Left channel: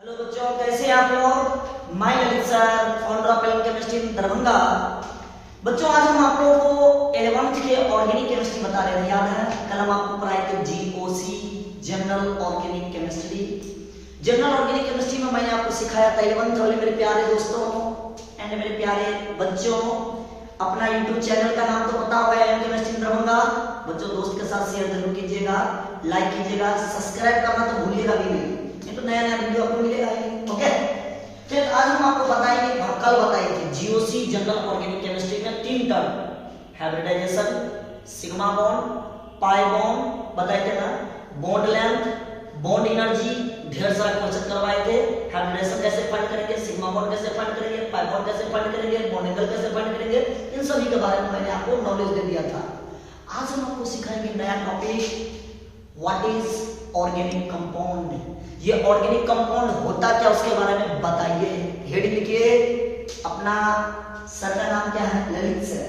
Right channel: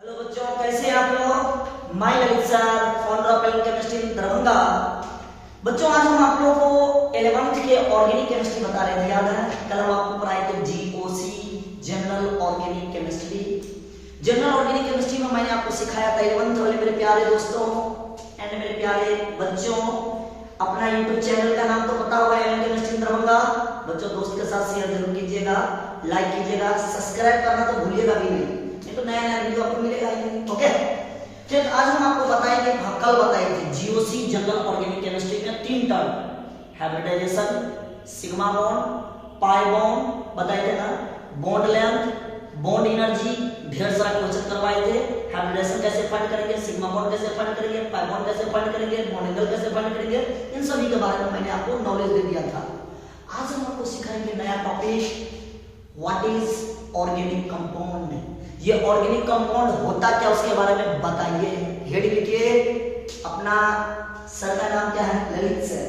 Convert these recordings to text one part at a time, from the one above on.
Hello बच्चों, कैसे हैं आप लोग। मैं Lalit sir, founder of element chemistry in Darbhanga. बच्चों, आज हम आप लोगों को 11th के ऑर्गेनिक केमिस्ट्री बता रहे थे, याद है। कल हम आपको पढ़ाए थे GOC, general organic chemistry. General organic chemistry में मैंने आपको सिखाया था 11th वाले मेरे प्यारे दोस्तों एंड मेरे प्यारे बच्चों। अपना यूट्यूब चैनल का नाम तो पता होगा, एलिमेंट केमिस्ट्री इन दरभंगा। बच्चों, दोस्त के साथ शेयर जरूर कीजिएगा, लाइक कीजिएगा, सब्सक्राइब करना तो भूलिएगा भी नहीं, तो नया नया वीडियो आपको मिलेगा ही। ओके, फिर आज हम आपको बताएंगे, कल बताए थे जीओसी जनरल ऑर्गेनिक केमिस्ट्री में 3 term, hybridisation, sigma bond, pi bond बताए थे ना, बॉन्ड लेंथ, बॉन्ड एनर्जी, ढेर सारा क्वेश्चन करवाए थे। हाइब्रिडाइजेशन कैसे फाइंड करेंगे, सिग्मा बॉन्ड कैसे फाइंड करेंगे, पाई बॉन्ड कैसे फाइंड करेंगे, बॉन्ड एंगल कैसे फाइंड करेंगे, इन सभी के बारे में मैंने आपको नॉलेज दे दिया था। आज हम आपको सिखाएंगे नया topic, what is organic compound. ये ऑर्गेनिक कंपाउंड होता क्या, उसके बारे में बताइए। हेडिंग लिखिए। अपना सर का नाम क्या है, ललित सर।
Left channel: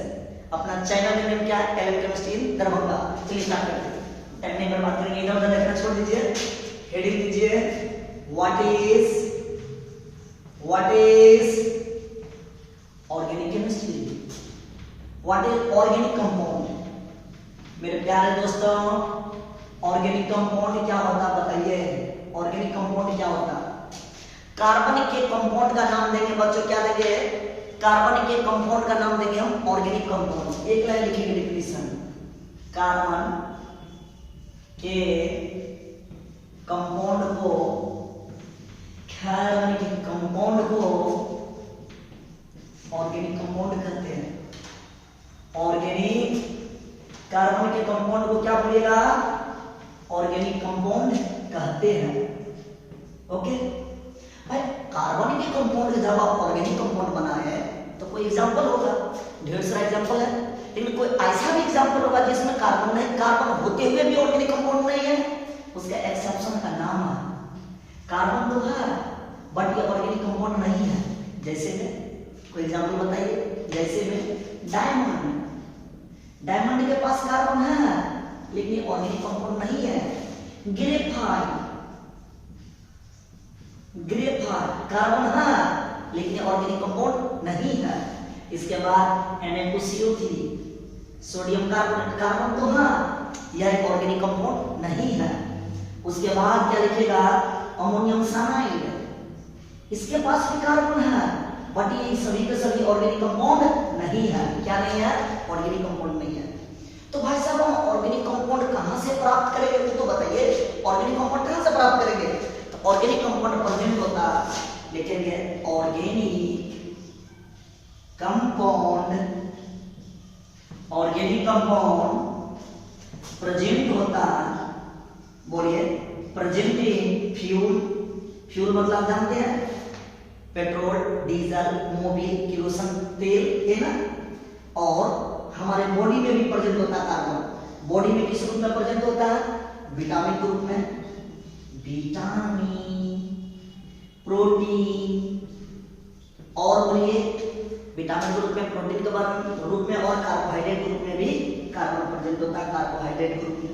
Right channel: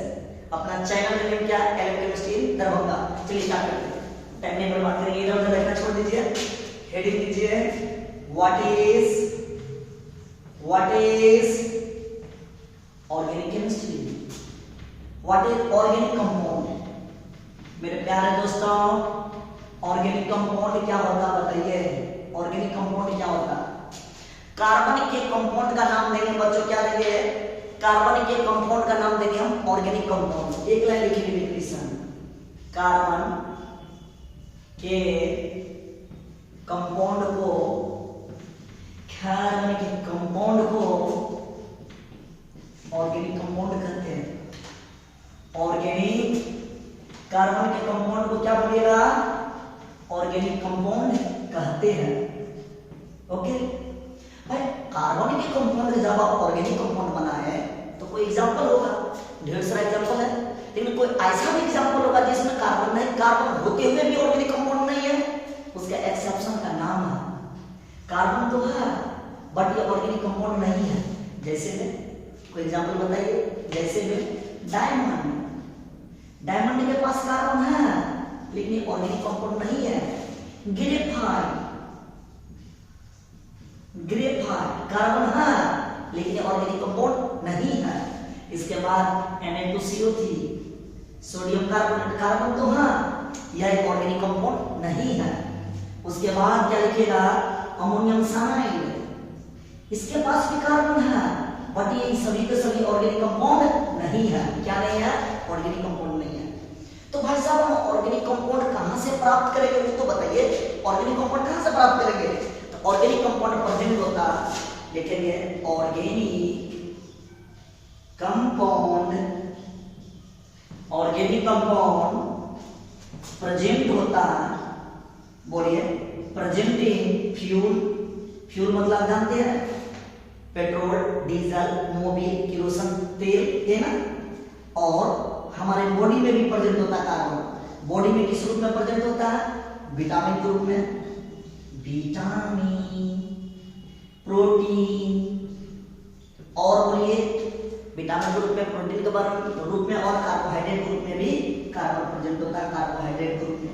अपना चैनल का नेम क्या है, एलिमेंट केमिस्ट्री इन दरभंगा। चलिए स्टार्ट करते हैं। टाइम नहीं बर्बाद करेंगे, इधर उधर देखना छोड़ दीजिए। हेडिंग लीजिए, what is organic chemistry, what is organic compound. मेरे प्यारे दोस्तों, ऑर्गेनिक कंपाउंड क्या होता है बताइए। ऑर्गेनिक कंपाउंड क्या होता है। कार्बन के कंपाउंड का नाम देंगे बच्चों, क्या देंगे, कार्बन के कंपाउंड का नाम देंगे हम ऑर्गेनिक कंपाउंड। एक लाइन लिखेंगे डेफिनेशन, कार्बन के कंपाउंड को, कार्बन के कंपाउंड को ऑर्गेनिक कंपाउंड कहते हैं। ऑर्गेनिक, कार्बन के कंपाउंड को क्या बोलिएगा, ऑर्गेनिक कंपाउंड कहते हैं। ओके भाई, कार्बन के कंपाउंड का जब आप ऑर्गेनिक कंपाउंड बना है तो कोई एग्जांपल होगा, ढेर सारा एग्जांपल है, लेकिन कोई ऐसा भी एग्जांपल होगा जिसमें कार्बन नहीं, कार्बन होते हुए भी ऑर्गेनिक कंपाउंड नहीं है, उसका एक्सेप्शन का नाम है। कार्बन तो है बट ये ऑर्गेनिक कंपाउंड नहीं है। जैसे में कोई एग्जांपल बताइए, जैसे में डायमंड। डायमंड के पास कार्बन है लेकिन ये ऑर्गेनिक कंपाउंड नहीं है। ग्रेफाइट, ग्रेफाइट कार्बन है लेकिन ये ऑर्गेनिक कंपाउंड नहीं है। इसके बाद Na2CO3, सोडियम कार्बोनेट, कार्बन तो है, यह एक ऑर्गेनिक कंपाउंड नहीं है। उसके बाद क्या लिखेगा, अमोनियम साइनाइड, इसके पास भी कार्बन है बट ये सभी के सभी ऑर्गेनिक कंपाउंड नहीं है। क्या नहीं है, ऑर्गेनिक कंपाउंड नहीं है। तो भाई साहब, हम ऑर्गेनिक कंपाउंड कहां से प्राप्त करेंगे, तो बताइए ऑर्गेनिक कंपाउंड कहां से प्राप्त करेंगे। तो ऑर्गेनिक कंपाउंड प्रेजेंट होता, लिखेंगे organic compound, organic compound present होता, बोलिए प्रेजेंट इन फ्यूल। फ्यूल मतलब जानते हैं, पेट्रोल, डीजल, मोबिल, केरोसिन तेल, है ना। और हमारे बॉडी में भी प्रेजेंट होता है कार्बन। बॉडी में किस रूप में प्रेजेंट होता है, विटामिन के रूप में, विटामिन, प्रोटीन, और बोलिए विटामिन के रूप में, प्रोटीन के रूप में, और कार्बोहाइड्रेट के रूप में भी कार्बन प्रेजेंट होता है, कार्बोहाइड्रेट के रूप में।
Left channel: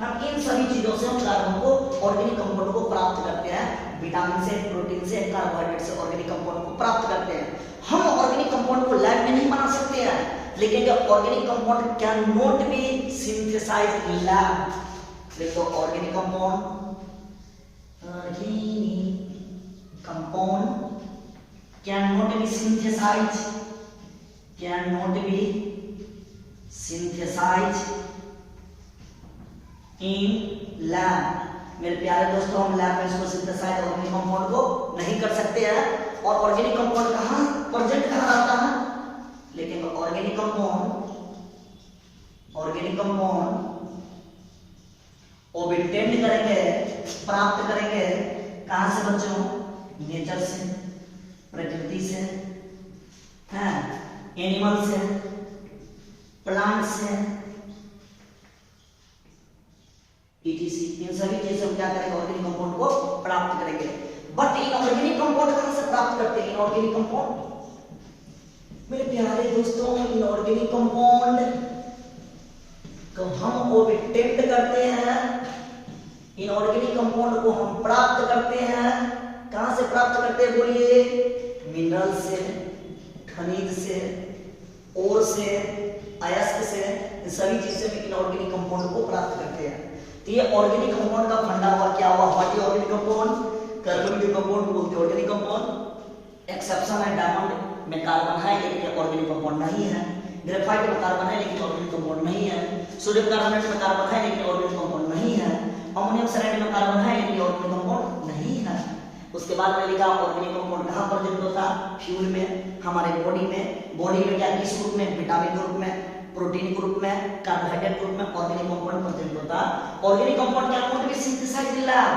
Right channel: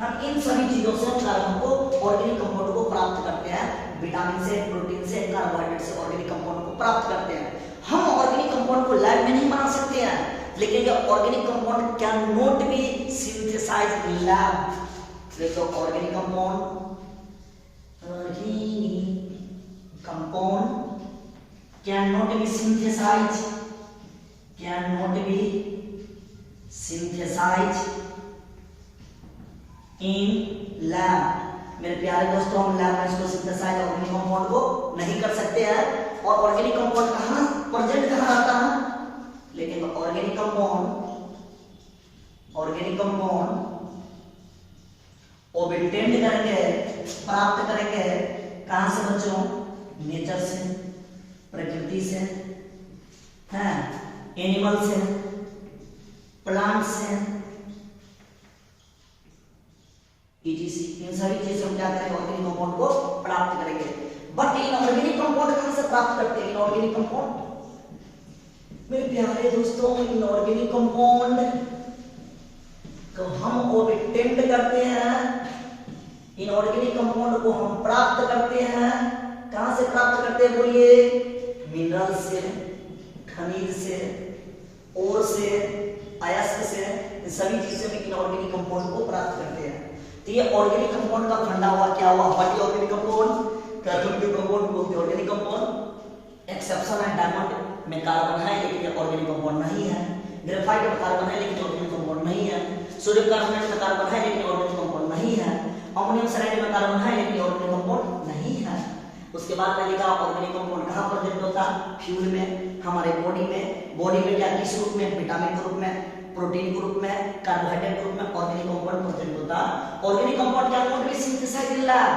हम इन सभी चीजों से हम कार्बन को, ऑर्गेनिक कंपाउंड को प्राप्त करते हैं। विटामिन से, प्रोटीन से, कार्बोहाइड्रेट से ऑर्गेनिक कंपाउंड को प्राप्त करते हैं। हम ऑर्गेनिक कंपाउंड को लैब में नहीं बना सकते हैं, लेकिन ये organic compound can not be synthesized in lab. देखो organic compound, can not be synthesized, can not be synthesized in lab. मेरे प्यारे दोस्तों, हम लैब में इसको सिंथेसाइज ऑर्गेनिक कंपाउंड को नहीं कर सकते हैं। और ऑर्गेनिक कंपाउंड कहां प्रेजेंट कहां रहता है, लेकिन ऑर्गेनिक कंपाउंड ऑब्टेन करेंगे, प्राप्त करेंगे कहां से बच्चों, नेचर से, प्रकृति से, हैं, एनिमल से, प्लांट से, ETC। इन सभी चीजों से क्या करेंगे, ऑर्गेनिक कंपाउंड को प्राप्त करेंगे। बट इन ऑर्गेनिक कंपाउंड कहां से प्राप्त करते हैं, इनऑर्गेनिक कंपाउंड। मेरे प्यारे दोस्तों, इनऑर्गेनिक कंपाउंड को हम ऑब्टेन करते हैं इनऑर्गेनिक कंपाउंड को हम प्राप्त करते हैं, कहां से प्राप्त करते हैं बोलिए? मिनरल से, खनिज से, ओर से, अयस्क से, इन सभी चीज से हम इनऑर्गेनिक कंपाउंड को प्राप्त करते हैं। तो ये ऑर्गेनिक कंपाउंड का फंडा हुआ, क्या हुआ? What is organic compound? Carbon के कंपाउंड को बोलते हैं ऑर्गेनिक कंपाउंड। एक्सेप्शन है, डायमंड में कार्बन है लेकिन ऑर्गेनिक कंपाउंड नहीं है। ग्रेफाइट में कार्बन है लेकिन ऑर्गेनिक कंपाउंड नहीं है। सोडियम कार्बोनेट में कार्बन है लेकिन ऑर्गेनिक कंपाउंड नहीं है। अमोनियम सल्फाइड में कार्बन है लेकिन ऑर्गेनिक कंपाउंड नहीं है। उसके बाद में लिखा ऑर्गेनिक कंपाउंड कहां पर प्रेजेंट होता है? फ्यूल में, हमारे बॉडी में। बॉडी में क्या, किस रूप में? विटामिन के रूप में, प्रोटीन के रूप में, कार्बोहाइड्रेट के रूप में ऑर्गेनिक कंपाउंड प्रेजेंट होता है। ऑर्गेनिक कंपाउंड क्या कौन भी सिंथेसाइज इन लैब?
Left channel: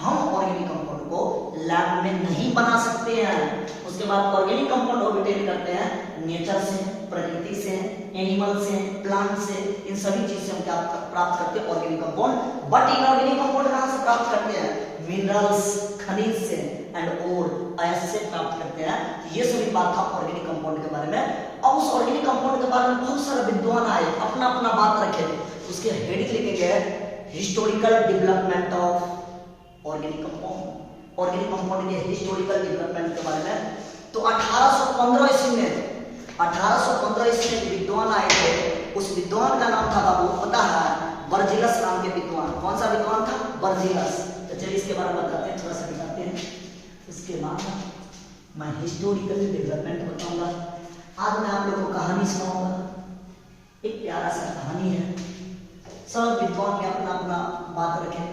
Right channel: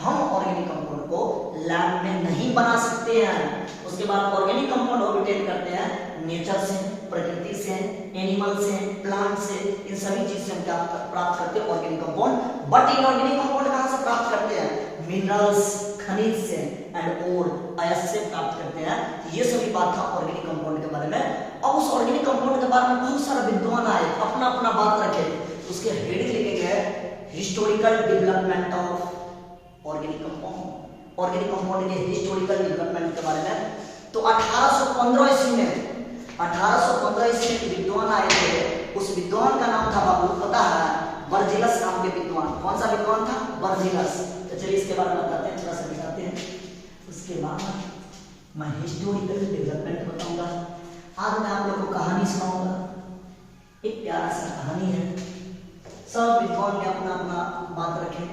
हम ऑर्गेनिक कंपाउंड को लैब में नहीं बना सकते हैं। उसके बाद ऑर्गेनिक कंपाउंड ऑब्टेन करते हैं नेचर से, प्रकृति से, एनिमल से, प्लांट से, इन सभी चीज से हम क्या प्राप्त करते हैं? Organic compound. But inorganic compound कहां से प्राप्त करते हैं? मिनरल्स, खनिज से एंड और अयस्क से प्राप्त करते हैं। ये सभी बात था ऑर्गेनिक कंपाउंड के बारे में। अब उस ऑर्गेनिक कंपाउंड के बारे में बहुत सारे विद्वान आए, अपना अपना बात रखे। उसके हेडिंग लिखे गए historical development of organic compound. Organic compound के हिस्टोरिकल डेवलपमेंट के बारे में। तो 1815 ईस्वी में, 1815 ईस्वी में विद्वान आए थे। उस विद्वान का नाम था बाबू, पता है? बर्जिलस नाम के विद्वान। कौन सा विद्वान था? बर्जिलस। तो चलिए इसके बारे में बताते हैं, थोड़ा सा दिखाते हैं। उसके बाद मैं हिस्टोरिकल डेवलपमेंट बताऊंगा। आज मैं आप लोगों को कहानी सुनाऊंगा। एक प्यारा सा कहानी है। सब विद्वान भी अपना अपना बात रखे।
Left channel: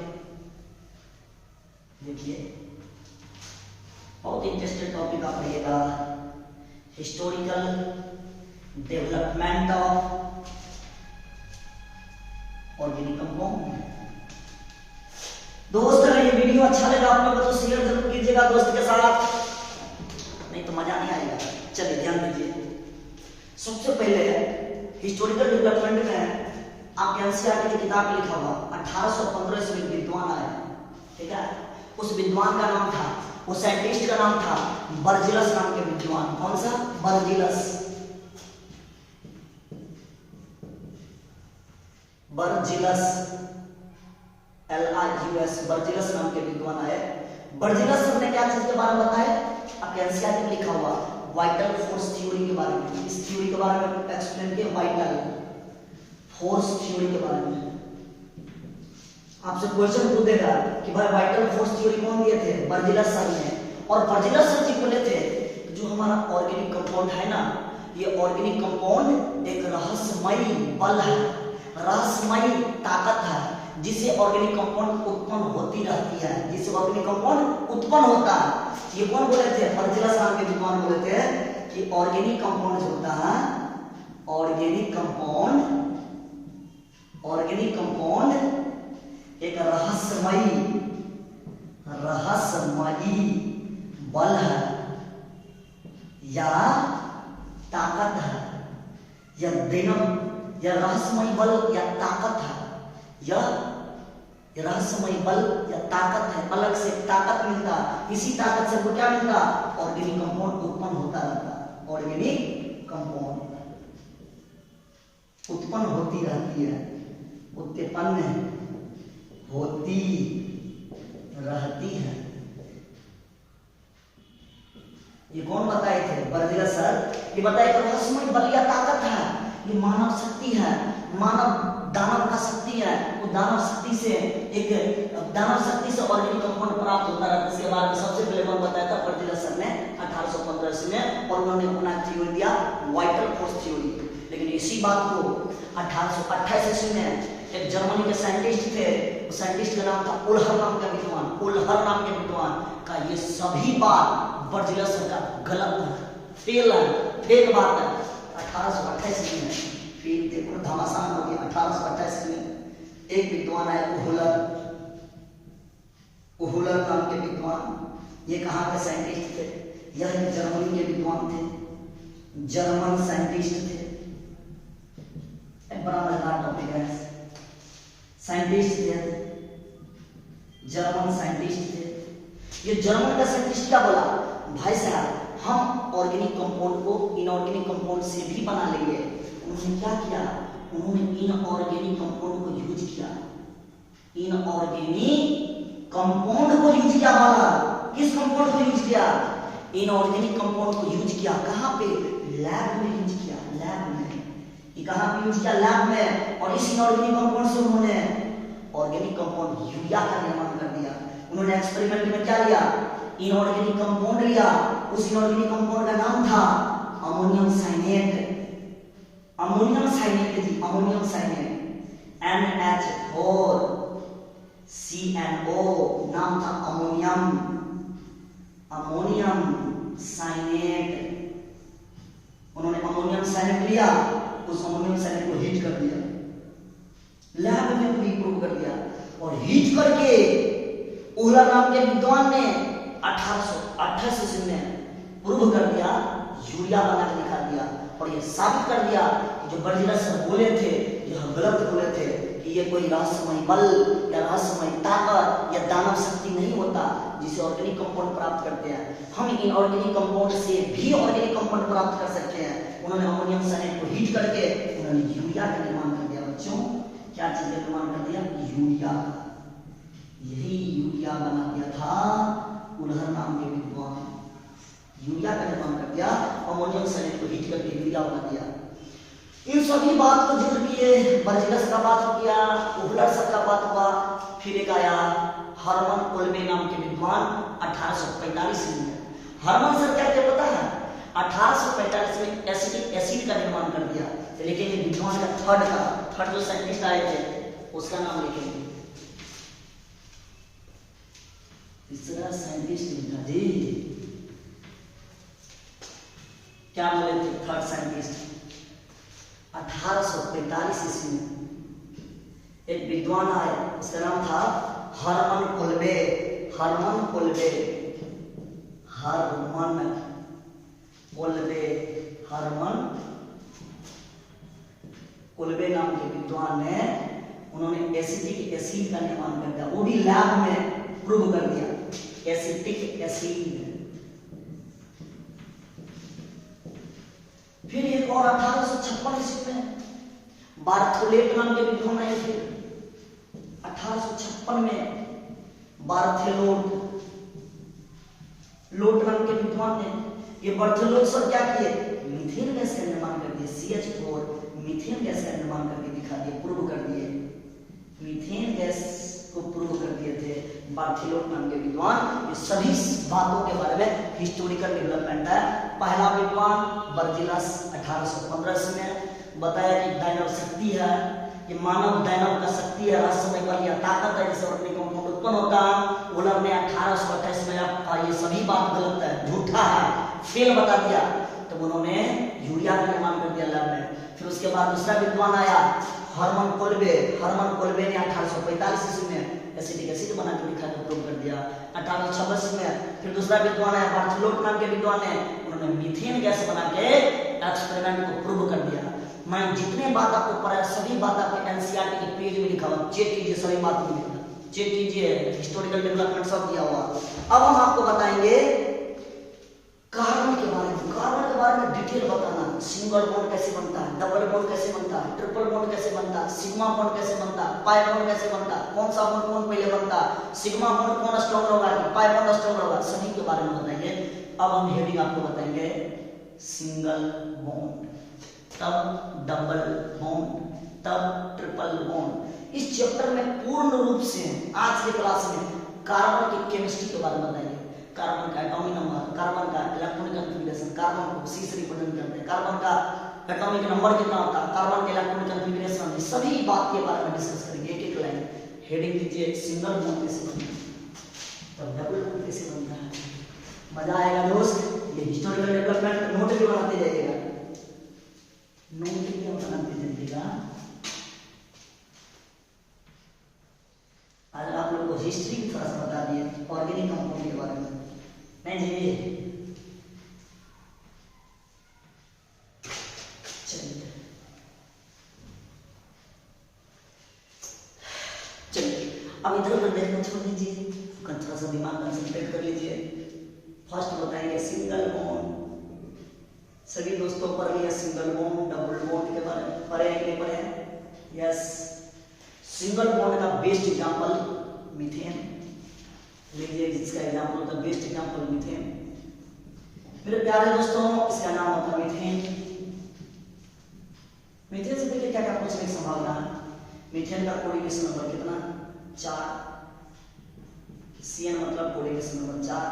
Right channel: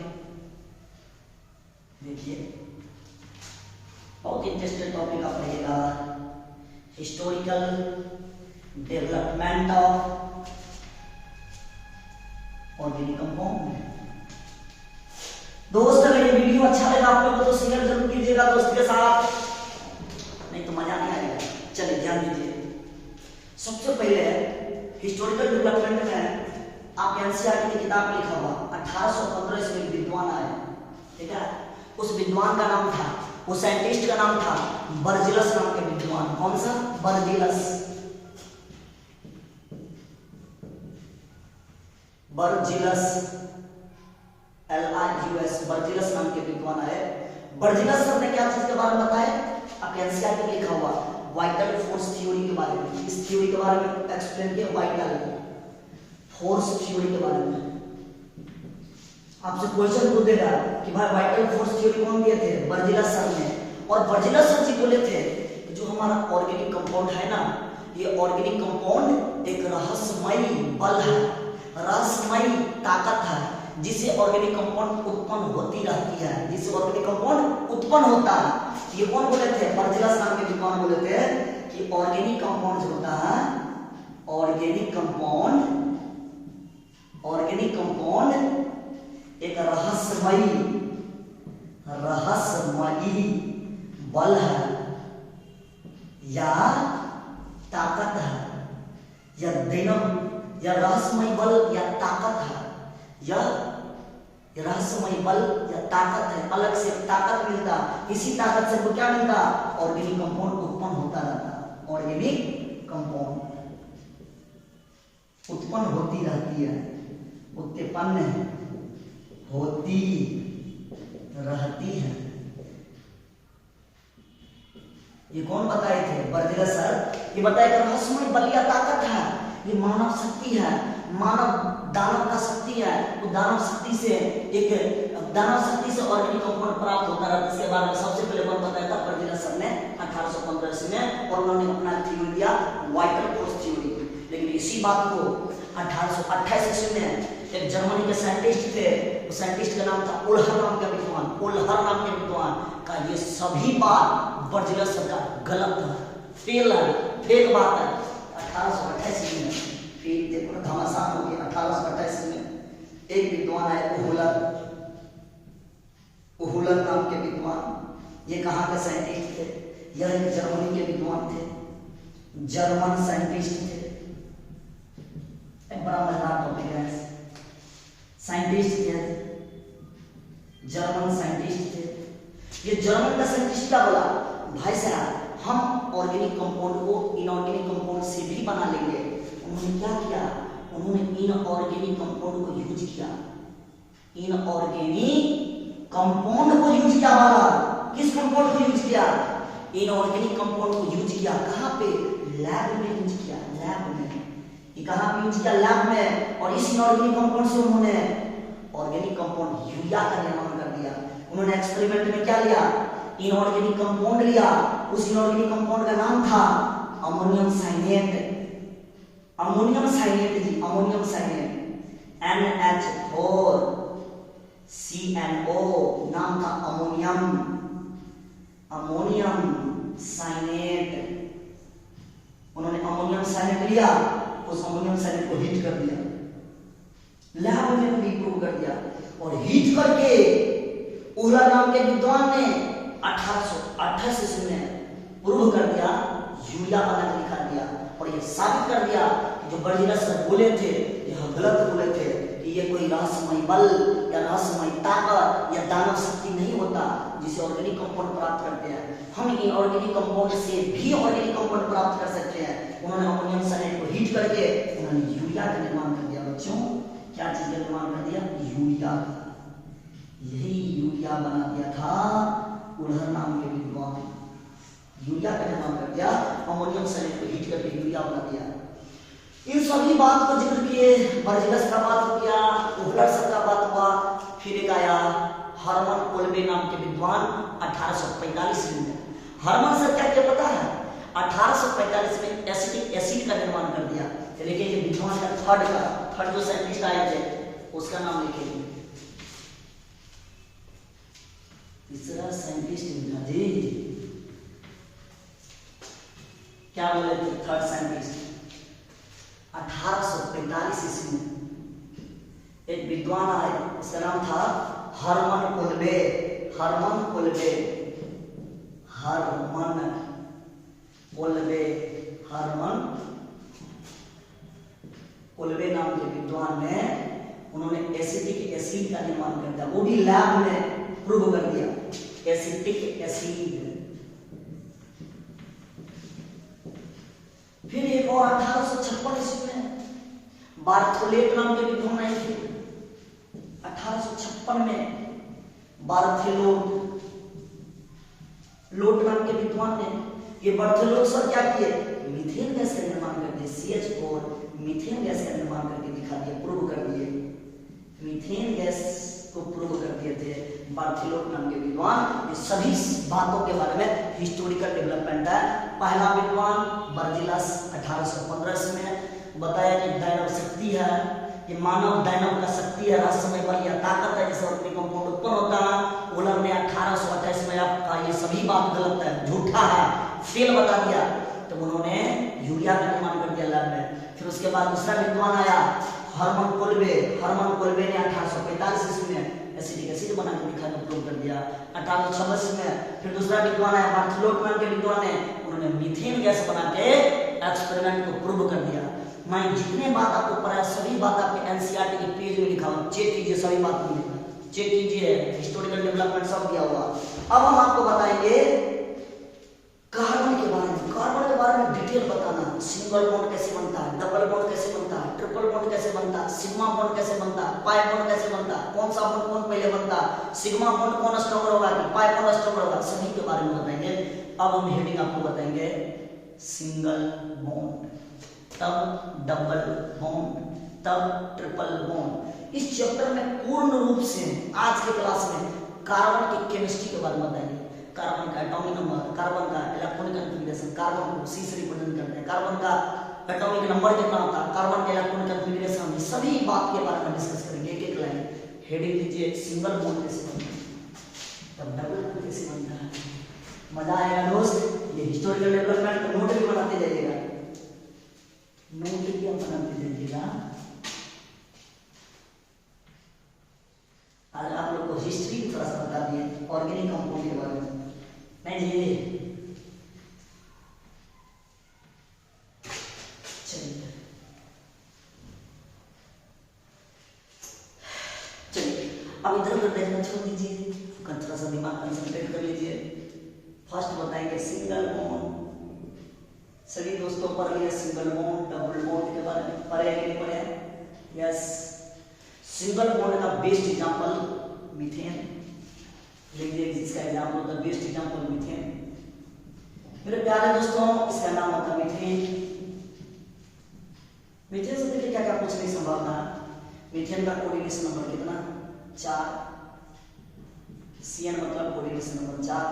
देखिए बहुत इंटरेस्टिंग टॉपिक आप पढ़िएगा, historical development of organic compound. दोस्त अगर ये वीडियो अच्छा लगा आप लोगों को तो शेयर जरूर कीजिएगा दोस्त के साथ, नहीं तो मजा नहीं आएगा। चलिए ध्यान दीजिए। सबसे पहले हिस्टोरिकल डेवलपमेंट में आप एनसीईआरटी की किताब में लिखा हुआ 1815 ईस्वी में विद्वान आए, ठीक है? उस विद्वान का नाम था, उस साइंटिस्ट का नाम था बर्जिलस नाम के विद्वान। कौन सा? बर्जिलस। बर्जिलस, LIUS, बर्जिलस नाम के विद्वान आए। बर्जिलस सर ने क्या चीज के बारे में बताया? आप एनसीईआरटी में लिखा हुआ वाइटल फोर्स थ्योरी के बारे में। इस थ्योरी के बारे में एक्सप्लेन किया, वाइटल फोर्स थ्योरी के बारे में। आपसे क्वेश्चन पूछेगा कि भाई वाइटल फोर्स थ्योरी कौन दिए थे? बर्जिलस सर ने। और बर्जिलस सर जी बोले थे जो हमारा ऑर्गेनिक कंपाउंड है ना, ये ऑर्गेनिक कंपाउंड एक रहस्यमयी बल है, रहस्यमयी ताकत है, जिससे ऑर्गेनिक कंपाउंड उत्पन्न होती रहती है, जिससे ऑर्गेनिक कंपाउंड उत्पन्न होता है। ये कौन बोले थे? बर्जिलस नाम के विद्वान बोले थे कि ऑर्गेनिक कंपाउंड जो होता है, ऑर्गेनिक कंपाउंड एक रहस्यमयी बल है या ताकत है, या रहस्यमयी बल या ताकत है, यह रहस्यमयी बल या ताकत है। अलग से ताकत मिलता, इसी ताकत से क्या मिलता? ऑर्गेनिक कंपाउंड उत्पन्न होता रहता। ऑर्गेनिक कंपाउंड उत्पन्न होती रहती है, उत्पन्न होती रहती है। ये कौन बताए थे? बर्जिलस सर। ये बताए कि रहस्यमयी बल या ताकत है, ये मानव शक्ति है, मानव दानव का शक्ति है। वो दानव शक्ति से ऑर्गेनिक कंपाउंड प्राप्त होता रहता है। इसके बारे में सबसे पहले कौन बताया था? बर्जिलस सर ने 1815 ईस्वी में, और उन्होंने अपना थ्योरी दिया वाइटल फोर्स थ्योरी। लेकिन इसी बात को 1828 ईस्वी में एक जर्मनी के साइंटिस्ट थे, उस साइंटिस्ट का नाम था ओल्हर नाम का विद्वान। ओल्हर नाम के विद्वान का ये सभी बात बर्जिलस सर का गलत है, फेल है, फेक बात है। 1828 ईस्वी में फिर देखो घमासान हो गया। 1828 में एक विद्वान आए, ओहुलर नाम के विद्वान। ये कहाँ के साइंटिस्ट थे? यह जर्मनी के विद्वान थे, जर्मन साइंटिस्ट थे। एक बड़ा मजेदार टॉपिक है। साइंटिस्ट थे, जर्मन साइंटिस्ट थे। ये जर्मन का साइंटिस्ट क्या बोला? भाई साहब हम ऑर्गेनिक कंपाउंड को इनऑर्गेनिक कंपाउंड से भी बना लेंगे। उन्होंने क्या किया? उन्होंने इनऑर्गेनिक कंपाउंड को यूज किया। इनऑर्गेनिक कंपाउंड को यूज किया वाला, किस कंपाउंड को यूज किया? इनऑर्गेनिक कंपाउंड को यूज किया। कहां पे? लैब में यूज किया, लैब में। ये कहां पे यूज किया? लैब में। और इस इनऑर्गेनिक कंपाउंड से उन्होंने ऑर्गेनिक कंपाउंड यूरिया का निर्माण कर दिया। उन्होंने एक्सपेरिमेंट में क्या लिया? इनऑर्गेनिक कंपाउंड लिया। उस इनऑर्गेनिक कंपाउंड का नाम था अमोनियम साइनेट। अमोनियम साइनेट जी, अमोनियम साइनेट, NH4 CNO, नाम था अमोनियम, अमोनियम साइनेट। उन्होंने अमोनियम साइनेट लिया, उस अमोनियम साइनेट को हीट कर दिया, लैब में भी प्रूव कर दिया। और हीट करके ओहलर नाम के विद्वान ने 1828 ईस्वी में प्रूव कर दिया, यूरिया बना के दिखा दिया। और ये साबित कर दिया कि जो बर्जीलस सर बोले थे, जो गलत बोले थे कि ये कोई रहस्यमय बल या रहस्यमय ताकत या दानव शक्ति नहीं होता जिसे ऑर्गेनिक कंपाउंड प्राप्त करते हैं। हम इन ऑर्गेनिक कंपाउंड से भी ऑर्गेनिक कंपाउंड प्राप्त कर सकते हैं। उन्होंने अमोनियम साइनेट को हीट करके उन्होंने यूरिया का निर्माण कर दिया। बच्चों, क्या चीज का निर्माण कर दिया? यूरिया। यही यूरिया बना दिया था उलहर नाम के विद्वान। यूरिया का निर्माण कर दिया, अमोनियम साइनेट को हीट करके यूरिया बना दिया। इन सभी बात को जिक्र किए, बर्जीलस का बात हो गया, ओहलर सर का बात हुआ, फिर एक आया हर्मन कोल्बे नाम के विद्वान 1845 में। हर्मन सर का क्या पता है? 1845 में एसिटिक एसिड का निर्माण कर दिया। लेकिन ये विद्वान का थर्ड जो साइंटिस्ट आए थे उसका नाम लिखेंगे। तीसरा साइंटिस्ट जी क्या बोले थे? थर्ड साइंटिस्ट 1845 ईस्वी में एक विद्वान आए, उसका नाम था Hermann Kolbe. Hermann Kolbe, Hermann Kolbe, Hermann Kolbe नाम के विद्वान ने उन्होंने एसिटिक एसिड का निर्माण कर दिया, वो भी लैब में प्रूव कर दिया। Acetic acid. फिर एक और 1856 ईस्वी में बार्थोलेट नाम के विद्वान आए थे। 1856 में बार्थोलोट नाम के विद्वान ने, ये बार्थोलोट सर क्या किए? मीथेन गैस का निर्माण कर दिए। CH4 मीथेन गैस का निर्माण करके दिखा दिया, प्रूव कर दिए। मीथेन गैस को प्रूव कर दिए थे बार्थोलोट नाम के विद्वान। ये सभी बातों के बारे में हिस्टोरिकल डेवलपमेंट है। पहला विद्वान बर्जीलस 1815 में बताया कि दैनव शक्ति है, ये मानव दैनव का शक्ति है, रहस्यमय बल या ताकत है जिससे ऑर्गेनिक कंपाउंड उत्पन्न होता है। ओहलर ने 1828 में ये सभी बात गलत है, झूठा है, फेल बता दिया। तो उन्होंने यूरिया का निर्माण कर दिया लैब में। फिर उसके बाद दूसरा विद्वान आया हर्मन कोल्बे। हर्मन कोल्बे ने 1845 ईस्वी में एसिटिक एसिड बना के दिखा के प्रूव कर दिया। 1826 में फिर दूसरा विद्वान आया बार्थोलोट नाम के विद्वान ने, उन्होंने मीथेन गैस बना के एक्सपेरिमेंट को प्रूव कर दिया। मैं जितने बात आपको पढ़ाया सभी बात आपके एनसीईआरटी के पेज में लिखा हुआ, चेक कीजिए, सभी बात मिलेगा, चेक कीजिए, हिस्टोरिकल डेवलपमेंट सब दिया हुआ। अब हम आपको बताएंगे कार्बन के बारे में। कार्बन के बारे में डिटेल बताना, सिंगल बॉन्ड कैसे बनता है, डबल बॉन्ड कैसे बनता है, ट्रिपल बॉन्ड कैसे बनता है, सिग्मा बॉन्ड कैसे बनता है, पाई बॉन्ड कैसे बनता है, कौन सा बॉन्ड कौन पहले बनता है, सिग्मा बॉन्ड कौन स्ट्रॉन्गर होगा, पाई बॉन्ड स्ट्रॉन्गर होगा, सभी के बारे में बताएंगे। अब हम हेडिंग आपको बताएंगे सिंगल बॉन्ड, तब डबल बॉन्ड, तब ट्रिपल बॉन्ड। इस चैप्टर में पूर्ण रूप से आज के क्लास में कार्बन की केमिस्ट्री के बारे में बताएंगे। कार्बन का एटॉमिक नंबर, कार्बन का इलेक्ट्रॉनिक कॉन्फ़िगरेशन, कार्बन को C से रिप्रेजेंट करते हैं, कार्बन का एटॉमिक नंबर कितना होता है, कार्बन के इलेक्ट्रॉनिक कॉन्फ़िगरेशन, ये सभी बात के बारे में डिस्कस करेंगे। एक एक लाइन हेडिंग दीजिए, सिंगल बॉन्ड कैसे बनता है, तब डबल बॉन्ड कैसे बनता है। मजा आएगा दोस्त। ये हिस्टोरिकल डेवलपमेंट नोट भी बनाते जाइएगा, नोट भी बनाते जाइएगा। आज आप लोग को हिस्ट्री भी थोड़ा सा बता दिए ऑर्गेनिक कंपाउंड के बारे में, नहीं जी। चलिए अब इधर उधर देखना छोड़ दीजिए, थोड़ा सा दिमाग कंसंट्रेट कर लीजिए। फर्स्ट बताएंगे सिंगल बॉन्ड। सभी दोस्तों पढ़ लिया सिंगल बॉन्ड, डबल बॉन्ड के बारे में, पढ़े कि नहीं पढ़े? यस। सिंगल बॉन्ड का बेस्ट एग्जांपल मीथेन। देखिए इसका एग्जांपल होता है, बेस्ट एग्जांपल मीथेन। मेरे प्यारे दोस्तों, इसका नाम होता है मीथेन। मीथेन से देखिए क्या क्या पूछने की संभावना। मीथेन का कोऑर्डिनेशन नंबर कितना, 4। CN मतलब कोऑर्डिनेशन नंबर 4।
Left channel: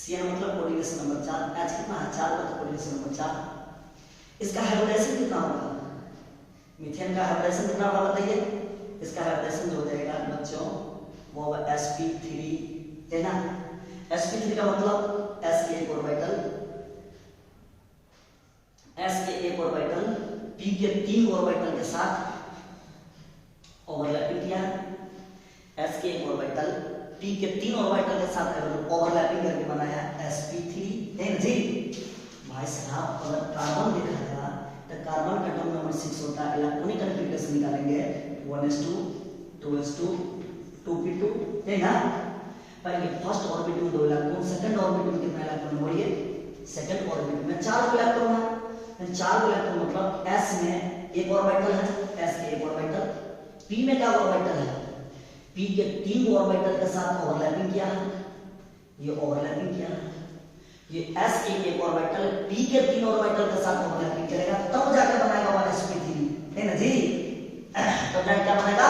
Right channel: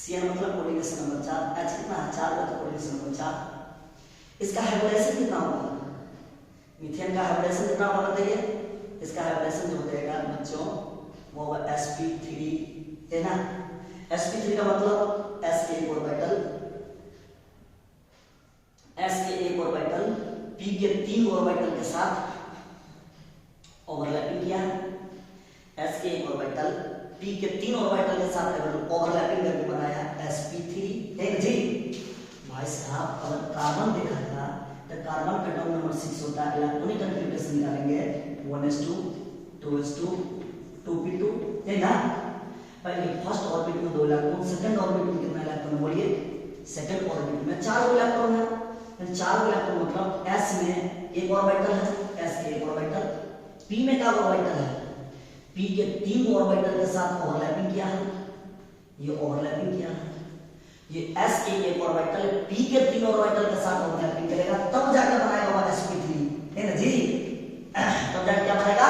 CN मतलब कोऑर्डिनेशन नंबर 4। H कितना है, 4 का कोऑर्डिनेशन नंबर 4। इसका हाइब्रिडेशन कितना होगा, मीथेन का हाइब्रिडेशन कितना होगा बताइए। इसका हाइब्रिडेशन जो हो जाएगा बच्चों वो होगा sp3, है ना। sp3 का मतलब s के एक ऑर्बिटल, s के एक ऑर्बिटल p के 3 ऑर्बिटल के साथ ओवरलैपिंग किया है। s के एक ऑर्बिटल p के 3 ऑर्बिटल के साथ ओवरलैपिंग करके बनाया sp3, है ना जी। भाई साहब अगर कार्बन देखा था तो कार्बन का टर्म नंबर 6 होता है, इलेक्ट्रॉनिक कन्फिग्रेशन निकालेंगे 1s2 2s2 2p2, है ना। पहले फर्स्ट ऑर्बिट में 2 इलेक्ट्रॉन, सेकंड ऑर्बिट में कितना इलेक्ट्रॉन बोलिए, सेकंड ऑर्बिट में 4 इलेक्ट्रॉन है। 4 इलेक्ट्रॉन मतलब s में एक ऑर्बिटल है, s के एक ऑर्बिटल, p में क्या ऑर्बिटल है, p के 3 ऑर्बिटल के साथ ओवरलैपिंग किया है, ये ओवरलैपिंग किया है। ये s के एक ऑर्बिटल p के 3 ऑर्बिटल के साथ ओवरलैपिंग करेगा, तब जाकर बनाएगा वो sp3, है ना जी। तब जाकर क्या बनाएगा,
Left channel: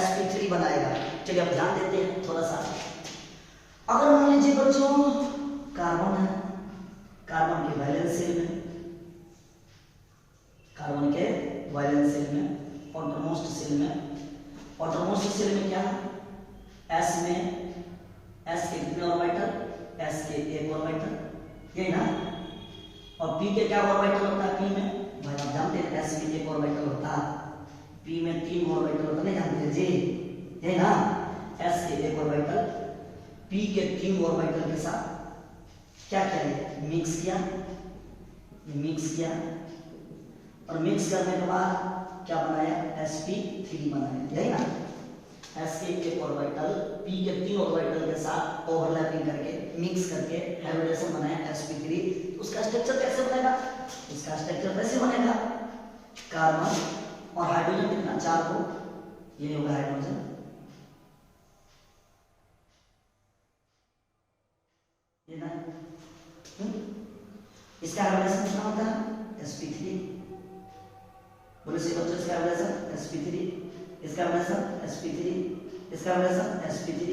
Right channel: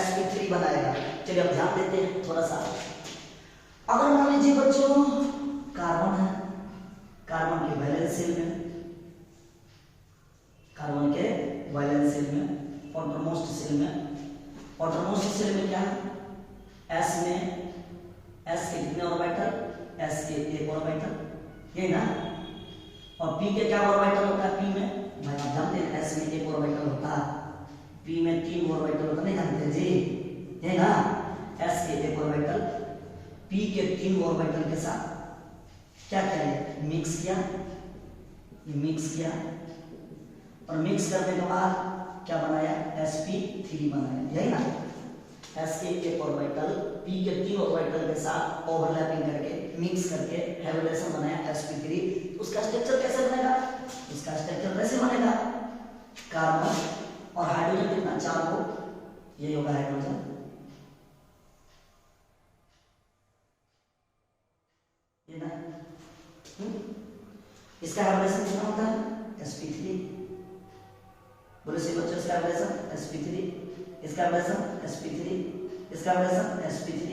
sp3 बनाएगा। चलिए अब ध्यान देते हैं थोड़ा सा। अगर मान लीजिए बच्चों कार्बन है, कार्बन के वैलेंस शेल में, कार्बन के वैलेंस शेल में, आउटरमोस्ट शेल में, आउटरमोस्ट शेल में क्या है, s में s के कितने ऑर्बिटल, s के एक ऑर्बिटल, ये ना। और p के क्या ऑर्बिटल होता है, p में भाई आप जानते हैं s में एक ऑर्बिटल होता है, p में 3 ऑर्बिटल होता, नहीं जानते हैं जी, ये ना। s के एक ऑर्बिटल p के 3 ऑर्बिटल के साथ क्या किया, मिक्स किया, मिक्स किया, और मिक्स करने के बाद क्या बनाया, sp3 बनाया, यही ना। s के एक ऑर्बिटल p के 3 ऑर्बिटल के साथ ओवरलैपिंग करके मिक्स करके हाइब्रिडेशन बनाया sp3। उसका स्ट्रक्चर कैसे बनेगा, उसका स्ट्रक्चर कैसे बनेगा, कार्बन और हाइड्रोजन कितना, 4 को, ये होगा हाइड्रोजन, ये ना। इसका हाइब्रिडेशन कितना होता है, sp3। बोले से बच्चों इसका हाइब्रिडेशन sp3, इसका हाइब्रिडेशन sp3, इसका हाइब्रिडेशन sp3,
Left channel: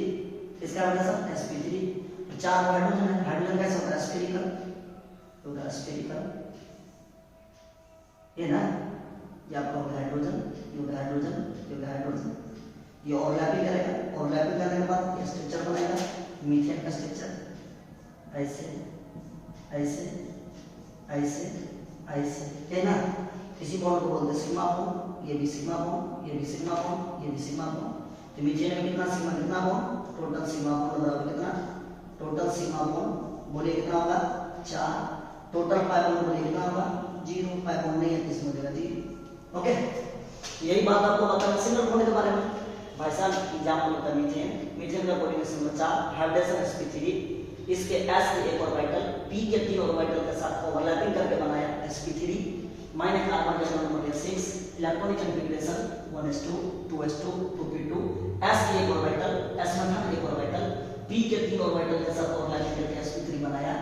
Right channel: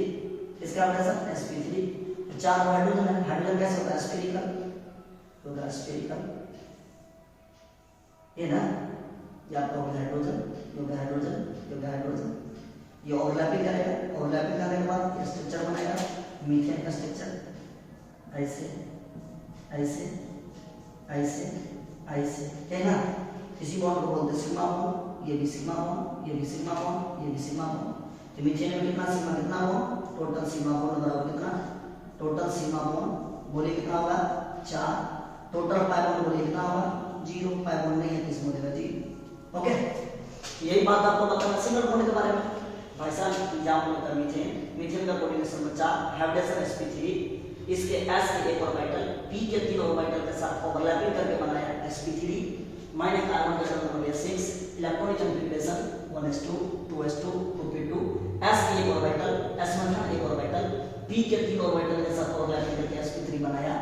इसका हाइब्रिडेशन sp3। 4 हाइड्रोजन है, हाइड्रोजन कैसे होता है, स्फेरिकल होगा, स्फेरिकल, ये ना। ये आपका होगा हाइड्रोजन, ये होगा हाइड्रोजन, ये होगा हाइड्रोजन, ये ओवरलैपिंग करेगा, ओवरलैपिंग करने के बाद ये स्ट्रक्चर बनाएगा मीथेन का स्ट्रक्चर, ऐसे ऐसे ऐसे ऐसे, है ना। इसी बॉन्ड को बोलते हैं सिग्मा बॉन्ड, ये भी सिग्मा बॉन्ड, ये भी सिग्मा बॉन्ड, ये भी सिग्मा बॉन्ड। तो मीथेन में कितना सिग्मा, कितना बॉन्ड, टोटल सिग्मा बॉन्ड बराबर कितना, टोटल सिग्मा बॉन्ड बोलिए कितना होगा, 4। टोटल पाई बॉन्ड बोलिए कितना होगा, 0। पाई बॉन्ड नहीं है तो इसमें देगा 0। ओके, यही बात आपको बताना सिंगल बॉन्ड के बारे में। भाई साहब एग्जांपल होता है मीथेन, मीथेन का कोऑर्डिनेशन नंबर 4, हाइब्रिडेशन sp3। इसके s के एक ऑर्बिटल p के 3 ऑर्बिटल के साथ ओवरलैपिंग करके बनाया sp3। माइनस कार्बन का number 6, electronic configuration 1s2 2s2 2p2, s के एक ऑर्बिटल, s1 का एक ऑर्बिटल p के 3 ऑर्बिटल के साथ ओवरलैपिंग करके sp3 बनाया।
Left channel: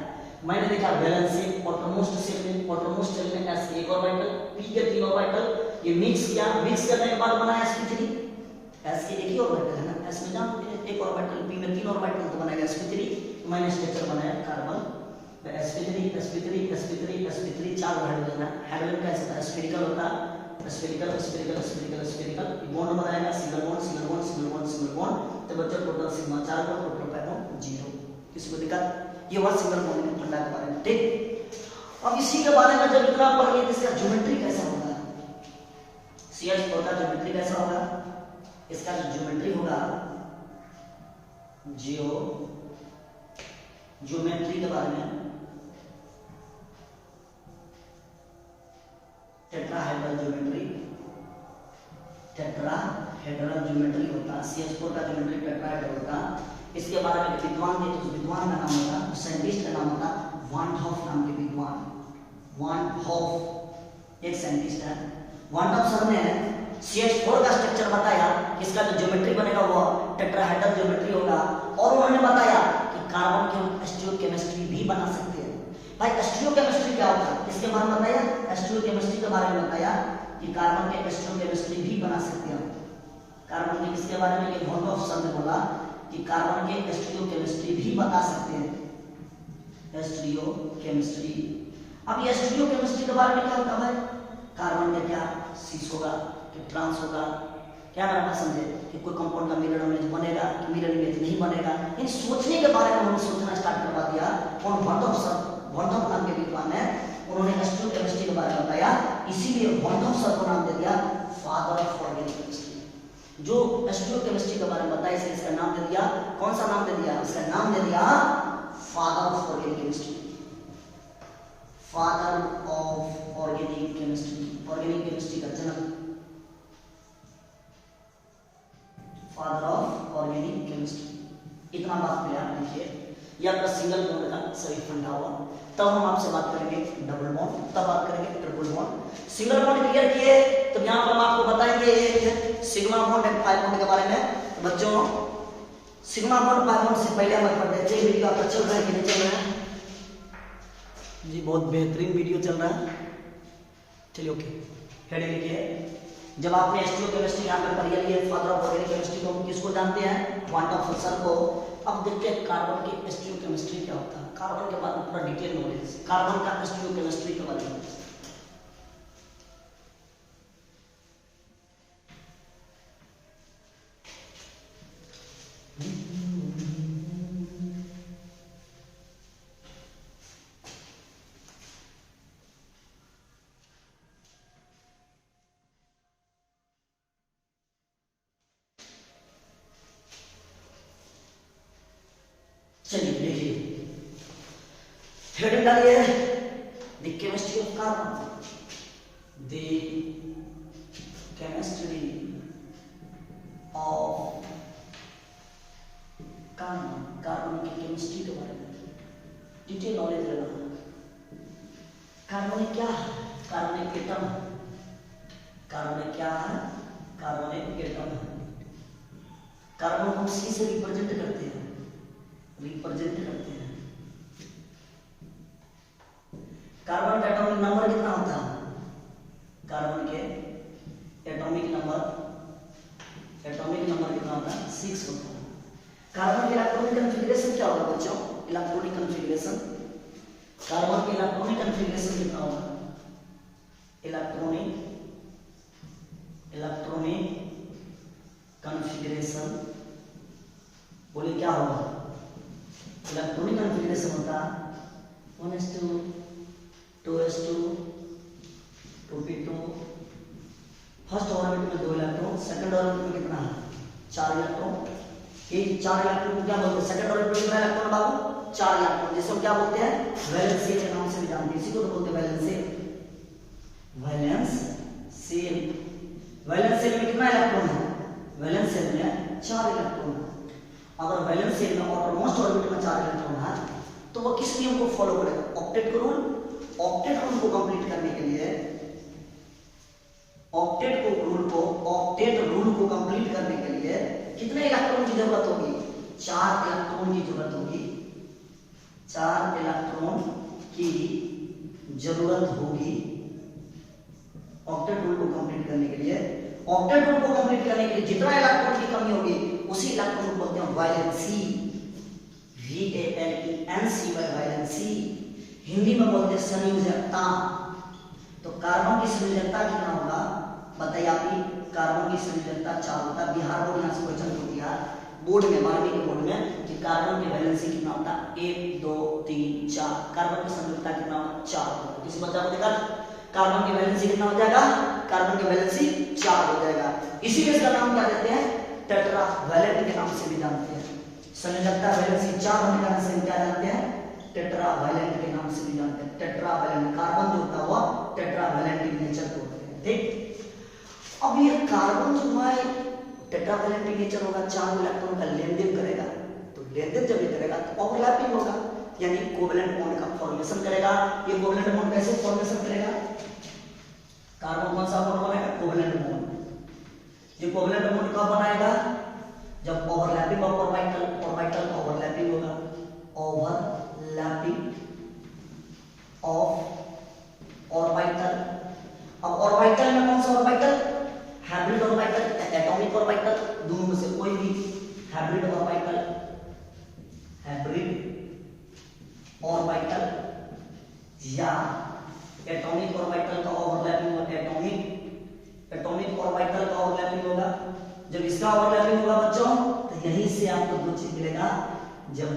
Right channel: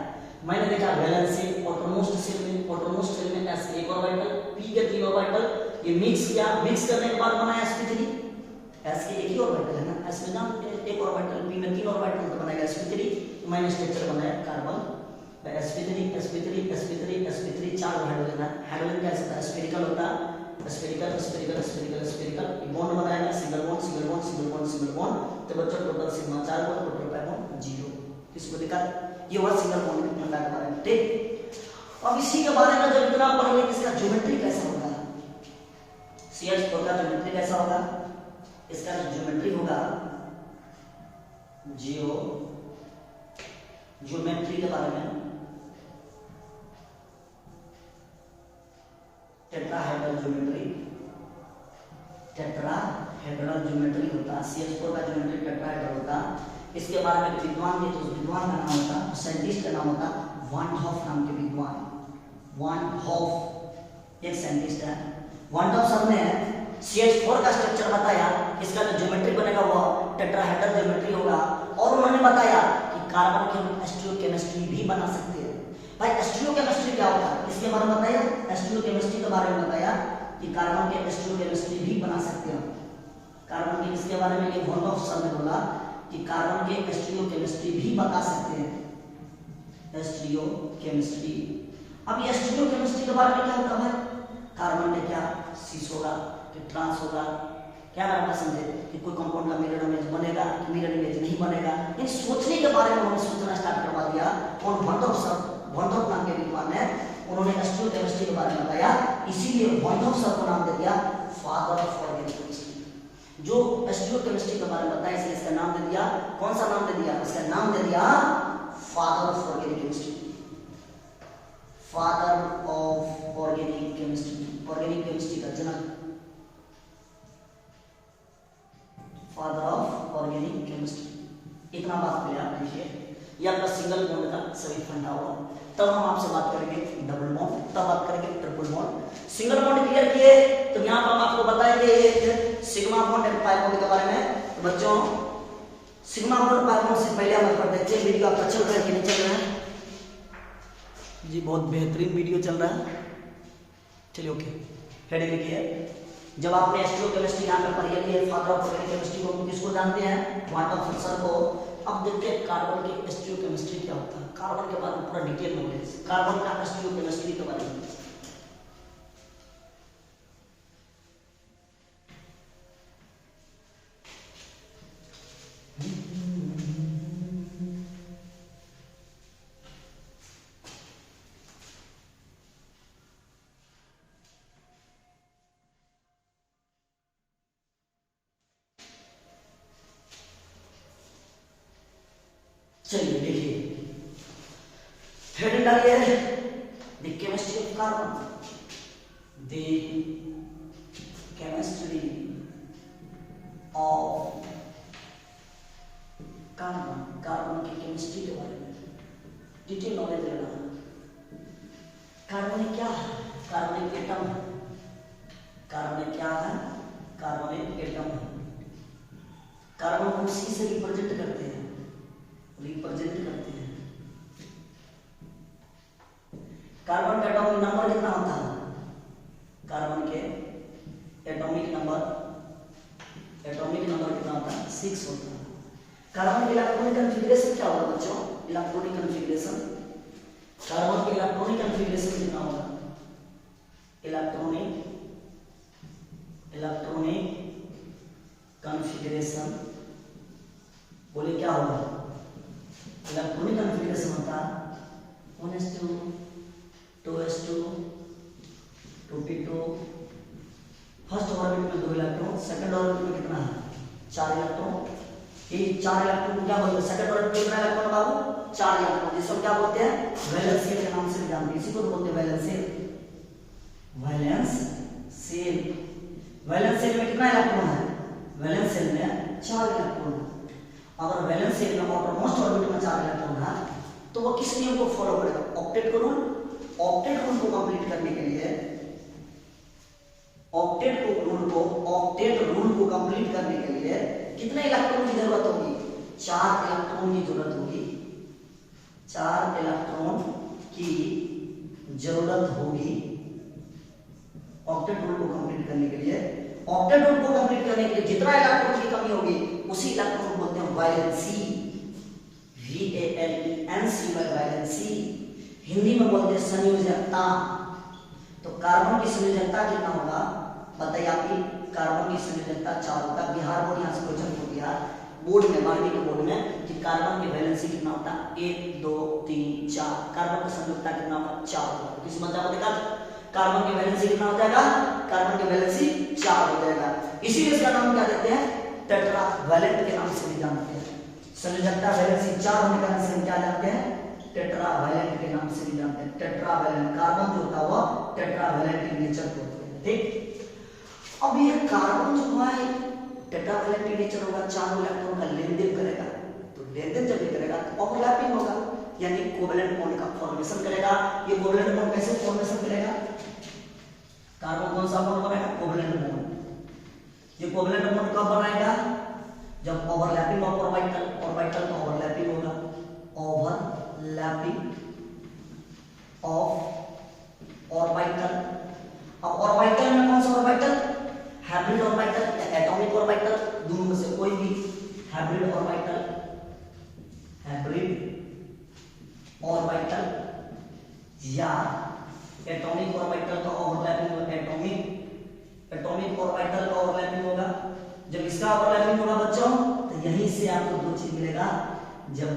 मैंने देखा वैलेंस से आउटरमोस्ट शेल में, आउटरमोस्ट शेल में s के एक ऑर्बिटल p के 3 ऑर्बिटल, ये मिक्स किया, मिक्स करने के बाद बनाया sp3। s के एक ही ऑर्बिटल है ना, s में जानते हैं एक ऑर्बिटल, p में 3 ऑर्बिटल तो बनाएगा sp3। मैंने स्ट्रक्चर बनाया carbon, sp3 sp3 sp3 sp3, 4 hydrogen है। हाइड्रोजन कैसे होता है, स्फेरिकल होता है, spherical spherical spherical spherical, bond बनाएगा, single bond single bond single bond single bond. तो बच्चों total sigma 4 bond, total pi bond 0। किसी को दिक्कत, ये हुआ सिंगल बॉन्ड में ठंडा के बारे में, ठीक। अब इसी के बारे में जब इतना पढ़ लिया, इसका ज्योमेट्री कैसा होगा, CH4 का ज्योमेट्री कैसा होगा, इसका जो ज्योमेट्री होगा, ज्योमेट्री के बारे में, टेट्राहेड्रल ज्योमेट्री, टेट्राहेड्रल ज्योमेट्री होता है। CH4 का ज्योमेट्री टेट्राहेड्रल होता। इसके बारे में विद्वान थे, उस विद्वान का नाम होता, उस साइंटिस्ट का नाम होता वान हॉफ नाम के विद्वान। वान हॉफ एक साइंटिस्ट है। वान हॉफ सर ने CH4 का स्ट्रक्चर बताया, इसका जो ज्योमेट्री बनेगा वो टेट्राहेड्रल ज्योमेट्री होगा। और उन्होंने बताया कि कार्बन की हम स्टीरियोकेमिस्ट्री भी बना सकते हैं। भाई स्टीरियोकेमिस्ट्री क्या होता है इसके बारे में बताया, स्टीरियोकेमिस्ट्री के बारे में बताया कि कार्बन के स्टीरियोकेमिस्ट्री भी बना सकते हैं। कार्बन के किसके बारे में, ये वोन सर ने बोला कि कार्बन के स्टीरियोकेमिस्ट्री भी बता सकते हैं, स्टीरियोकेमिस्ट्री। अब ये स्टीरियोकेमिस्ट्री के बारे में क्या होता है, कार्बन में क्या सिस होगा, ट्रांस होगा, क्या नाम समझे कि कोई कंपाउंड का मिरर इमेज बनेगा कि मिरर इमेज नहीं बनेगा। इन सोचने के बारे में उन्होंने सोचना स्टार्ट करवा दिया। कौन, वॉन नाम के विद्वान है, उन्होंने स्टीरियोकेमिस्ट्री के बारे में बताया, इसीलिए वॉन सर को नाम दे दिया फादर ऑफ ऑर्गेनिक केमिस्ट्री। जो स्टीरियोकेमिस्ट्री के बारे में बताया इसलिए इसका नाम दे दिया, कौन सा नाम दे दिया, इसका नाम दे दिया father of organic chemistry, father of organic chemistry, organic chemistry का जनक, फादर ऑफ ऑर्गेनिक केमिस्ट्री। इतना बात क्लियर कीजिए। ये आपका सिंगल बॉन्ड का सभी फंडा हुआ। तब हम आपसे बात करेंगे डबल बॉन्ड, तब बात करेंगे triple bond. Single bond clear किए तो यहाँ पर हम आपको बताएंगे sigma bond and pi bond के बारे में। तो बच्चों सिग्मा बॉन्ड पाई बॉन्ड से पहले हम पढ़ते हैं, चलिए वीडियो आपका चल रहा है कि नहीं चल रहा है जी, बहुत बेहतरीन वीडियो चल रहा है। चलिए ओके, हेडिंग लिखिए। जब आपने स्टीरियोकेमिस्ट्री यहाँ पर पढ़ी है, फादर ऑफ ऑर्गेनिक केमिस्ट्री को हम किसको जानते हैं, क्वांटम फंक्शन को। अब देखते हैं कार्बन की स्टीरियोकेमिस्ट्री क्या होता है, कार्बन के बारे में पूरा डिटेल नॉलेज, कार्बन का स्टीरियोकेमिस्ट्री के बारे में। चलिए देखिए, हेडिंग डालिए the chemistry of carbon, the chemistry of carbon, carbon की केमिस्ट्री के बारे में डिटेल नॉलेज लेना। कार्बन क्या है, कार्बन एक एटम है, कार्बन क्या है, कार्बन एक एटम है। कार्बन को सी से रिप्रेजेंट करते हैं, रिप्रेजेंट करते हैं। कार्बन का एटॉमिक नंबर कितना होता है, कार्बन के एटॉमिक नंबर कितना होता है, 6 होता है। कार्बन के इलेक्ट्रॉनिक कॉन्फ़िगरेशन क्या होगा बच्चों, इलेक्ट्रॉनिक कॉन्फ़िगरेशन, कार्बन के इलेक्ट्रॉनिक कॉन्फ़िगरेशन कितना होगा, इलेक्ट्रॉनिक कॉन्फ़िगरेशन बोले क्या होगा, इलेक्ट्रॉनिक कॉन्फ़िगरेशन होता है 1s2 2s2 2p2। First orbit में 2 इलेक्ट्रॉन, सेकंड ऑर्बिट में कितना है, 4 इलेक्ट्रॉन। ये 4 इलेक्ट्रॉन को क्या बोलते हैं, सेकंड ऑर्बिट में कितना इलेक्ट्रॉन बाबू, 4 इलेक्ट्रॉन, जिसको क्या बोलते हैं, वैलेंस शेल के नाम से भी जानते हैं, इसी को तो बोलते हैं वैलेंस शेल। वैलेंस शेल में कितना इलेक्ट्रॉन है, वैलेंस शेल में 4 इलेक्ट्रॉन। अगर वैलेंस शेल में आउटरमोस्ट ऑर्बिट में 4 इलेक्ट्रॉन है तो वो किस नियम को फॉलो करेगा, ऑक्टेट को रूल। ऑक्टेट रूल को कंप्लीट करने के लिए, ऑक्टेट रूल को कंप्लीट करने के लिए कितने इलेक्ट्रॉन की जरूरत होगी, 4 इलेक्ट्रॉन की जरूरत होगी, 4 इलेक्ट्रॉन की जरूरत होगी ऑक्टेट रूल को कंप्लीट करने के लिए। ऑक्टेट रूल को कंप्लीट करने के लिए जितना इलेक्ट्रॉन की कमी होगी उसी इलेक्ट्रॉन को बोलते हैं वैलेंसी, VALENCY, वैलेंसी। हिंदी में बोलते हैं संयोजकता। तो कार्बन की संयोजकता कितना होगा बताइए, आपकी कार्बन की संयोजकता 4 होता है। बिहार बोर्ड यहाँ से क्वेश्चन को दिया बोर्ड में, 12वीं के बोर्ड में कि कार्बन की वैलेंसी कितना होता है, 1 2 3 4। कार्बन की संयोजकता कितना होगा, 4 होगा। किसी बच्चा को देखा कार्बन की वैलेंसी कितना हो जाएगा, कार्बन की वैलेंसी 4 हो जाएगा। इसीलिए इसका नाम क्या देते हैं, टेट्रा वैलेंट के नाम से भी जानते हैं। संयोजकता वैलेंसी 4 होने के कारण से क्या जानते हैं, टेट्रा वैलेंट के नाम से भी जानते हैं। टेट्रा वैलेंट, कार्बन जो होता हुआ टेट्रा वैलेंट नेचर को होते हैं, ठीक। अब ये कार्बन जो है टेट्रा वैलेंट नेचर होगा, 4 इलेक्ट्रॉन का लेन देन करेगा। तो लेन देन जब करेगा तो ओवरलैपिंग होगा, यानी कोवैलेंट बॉन्ड का फॉर्मेशन करेगा। ये कोवैलेंट बॉन्ड कैसे फॉर्मेशन करेगा, कार्बन कौन सा बॉन्ड बनेगा, कोवैलेंट बॉन्ड। ये कोवलेंट बॉन्ड कब बनाएगा? जब ओवरलैपिंग ऑफ ऑर्बिटल का ओवरलैपिंग होगा, ओवरलैपिंग ऑफ ऑर्बिटल। अब ऑर्बिटल में कौन सा ऑर्बिटल? हाइब्रिड ऑर्बिटल या एटॉमिक ऑर्बिटल, दोनों में से कोई भी। हाइब्रिड ऑर्बिटल, हाइब्रिड ऑर्बिटल या एटॉमिक ऑर्बिटल का ओवरलैपिंग होगा, एटॉमिक ऑर्बिटल का ओवरलैपिंग होगा। जब इसका ओवरलैपिंग होगा बच्चों तो यहीं से आपको दो चीज मिलेगा। जब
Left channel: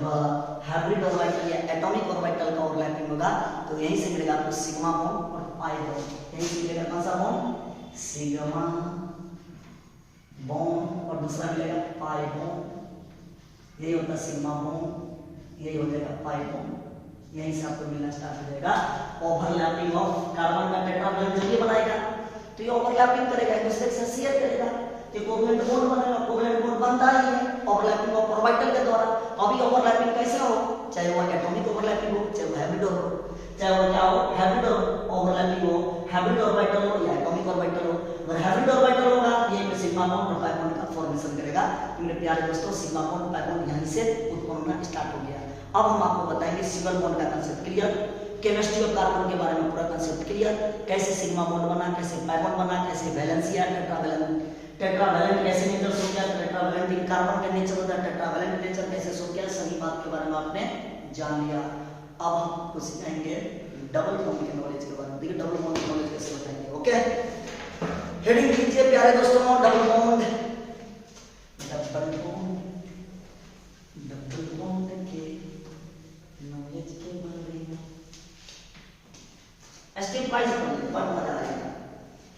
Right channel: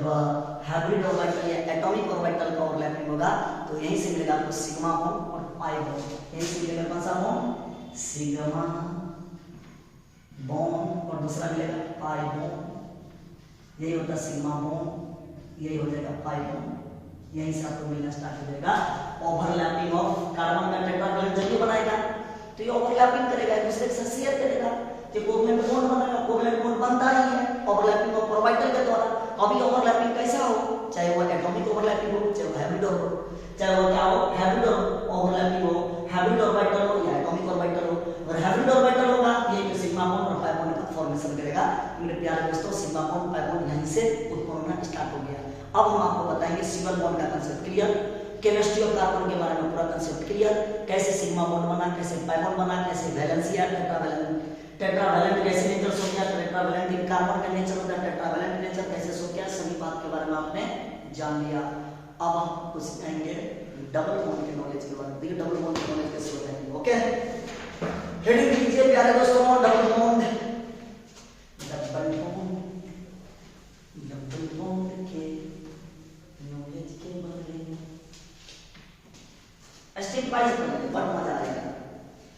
हाइब्रिड ऑर्बिटल या एटॉमिक ऑर्बिटल का ओवरलैपिंग होगा तो यहीं से मिलेगा आपको सिग्मा बॉन्ड और पाई बॉन्ड। यहीं से मिलेगा कौन सा बॉन्ड? सिग्मा बॉन्ड, और दूसरा मिलेगा पाई बॉन्ड। यही होता है सिग्मा बॉन्ड, यही हो जाएगा पाई बॉन्ड। यहीं से आपको मिलना स्टार्ट हो जाएगा। ओवरलैपिंग ऑफ कार्बन का टेट्रावैलेंट जब ये बनाएगा तो ये ओवरलैपिंग करेगा, एक दूसरे के साथ शेयर करेगा, ये कोवलेंट बॉन्ड बनेगा। कोवलेंट बॉन्ड बनता ही है ओवरलैपिंग ऑफ ऑर्बिटल के द्वारा। अभी ओवरलैपिंग कैसा हो, चाहे वो एटॉमिक ओवरलैपिंग हो, चाहे वो हाइब्रिड हो, चाहे वो क्या हो, हाइब्रिड ओवरलैपिंग हो, हाइब्रिड ऑर्बिटल हो या एटॉमिक ऑर्बिटल हो। अगर हाइब्रिड ऑर्बिटल होगा ये सिग्मा बॉन्ड और पाई बॉन्ड का फॉर्मेशन करेगा। मेरे प्यारे दोस्तों, सिग्मा बॉन्ड पाई बॉन्ड यहीं से उत्पन्न होना स्टार्ट हो गया। अब हम आपको बताएंगे सिंगल बॉन्ड का concept clear, chemistry of carbon के बारे में पूरा कंसेप्ट क्लियर, कैसे सिग्मा बॉन्ड बना, कैसे पाई बॉन्ड बना, कैसे वैलेंस या टेट्रावैलेंट कैसे नेचर हो गया, टेट्रावैलेंट इन कार्बन का नेचर होता है, टेट्रावैलेंट नेचर कैसे हो गया, सभी बात के बारे में आपने जान लिया। अब हम आपको सिखाएंगे डबल बॉन्ड के नॉलेज के बारे में। देखिए डबल बॉन्ड की नॉलेज कैसे बताएंगे। ओके, हेडिंग कीजिए प्यारे दोस्तों, double bond, double bond, double bond के नॉलेज के बारे में स्टेप वाइज पढ़ेंगे, बहुत मजा आएगा।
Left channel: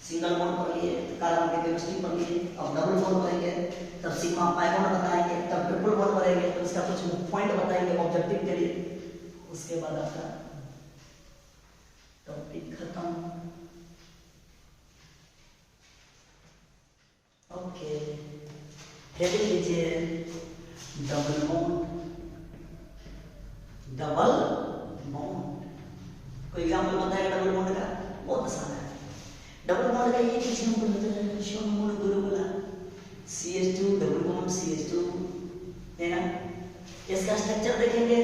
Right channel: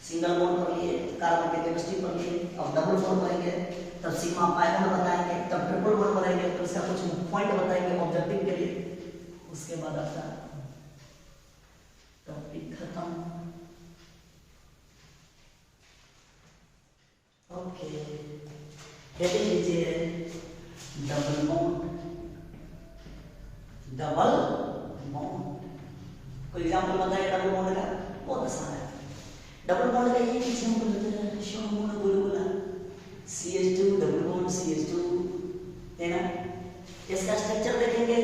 सिंगल बॉन्ड पढ़ लिए, कार्बन के केमिस्ट्री पढ़ लिए, अब डबल बॉन्ड पढ़ेंगे, तब सिग्मा पाई बॉन्ड बताएंगे, तब ट्रिपल बॉन्ड पढ़ेंगे, तो इसका कुछ पॉइंट बताएंगे ऑब्जेक्टिव के लिए। उसके बाद आपका टॉपिक खत्म। ओके, हेडिंग लीजिए डबल बॉन्ड, डबल बॉन्ड। कोई एग्जांपल बताएगा डबल बॉन्ड का? बहुत आसान है। डबल बॉन्ड का ये एग्जांपल बताया CH2 डबल बॉन्ड CH2 है ना। इसका स्ट्रक्चर देखेंगे,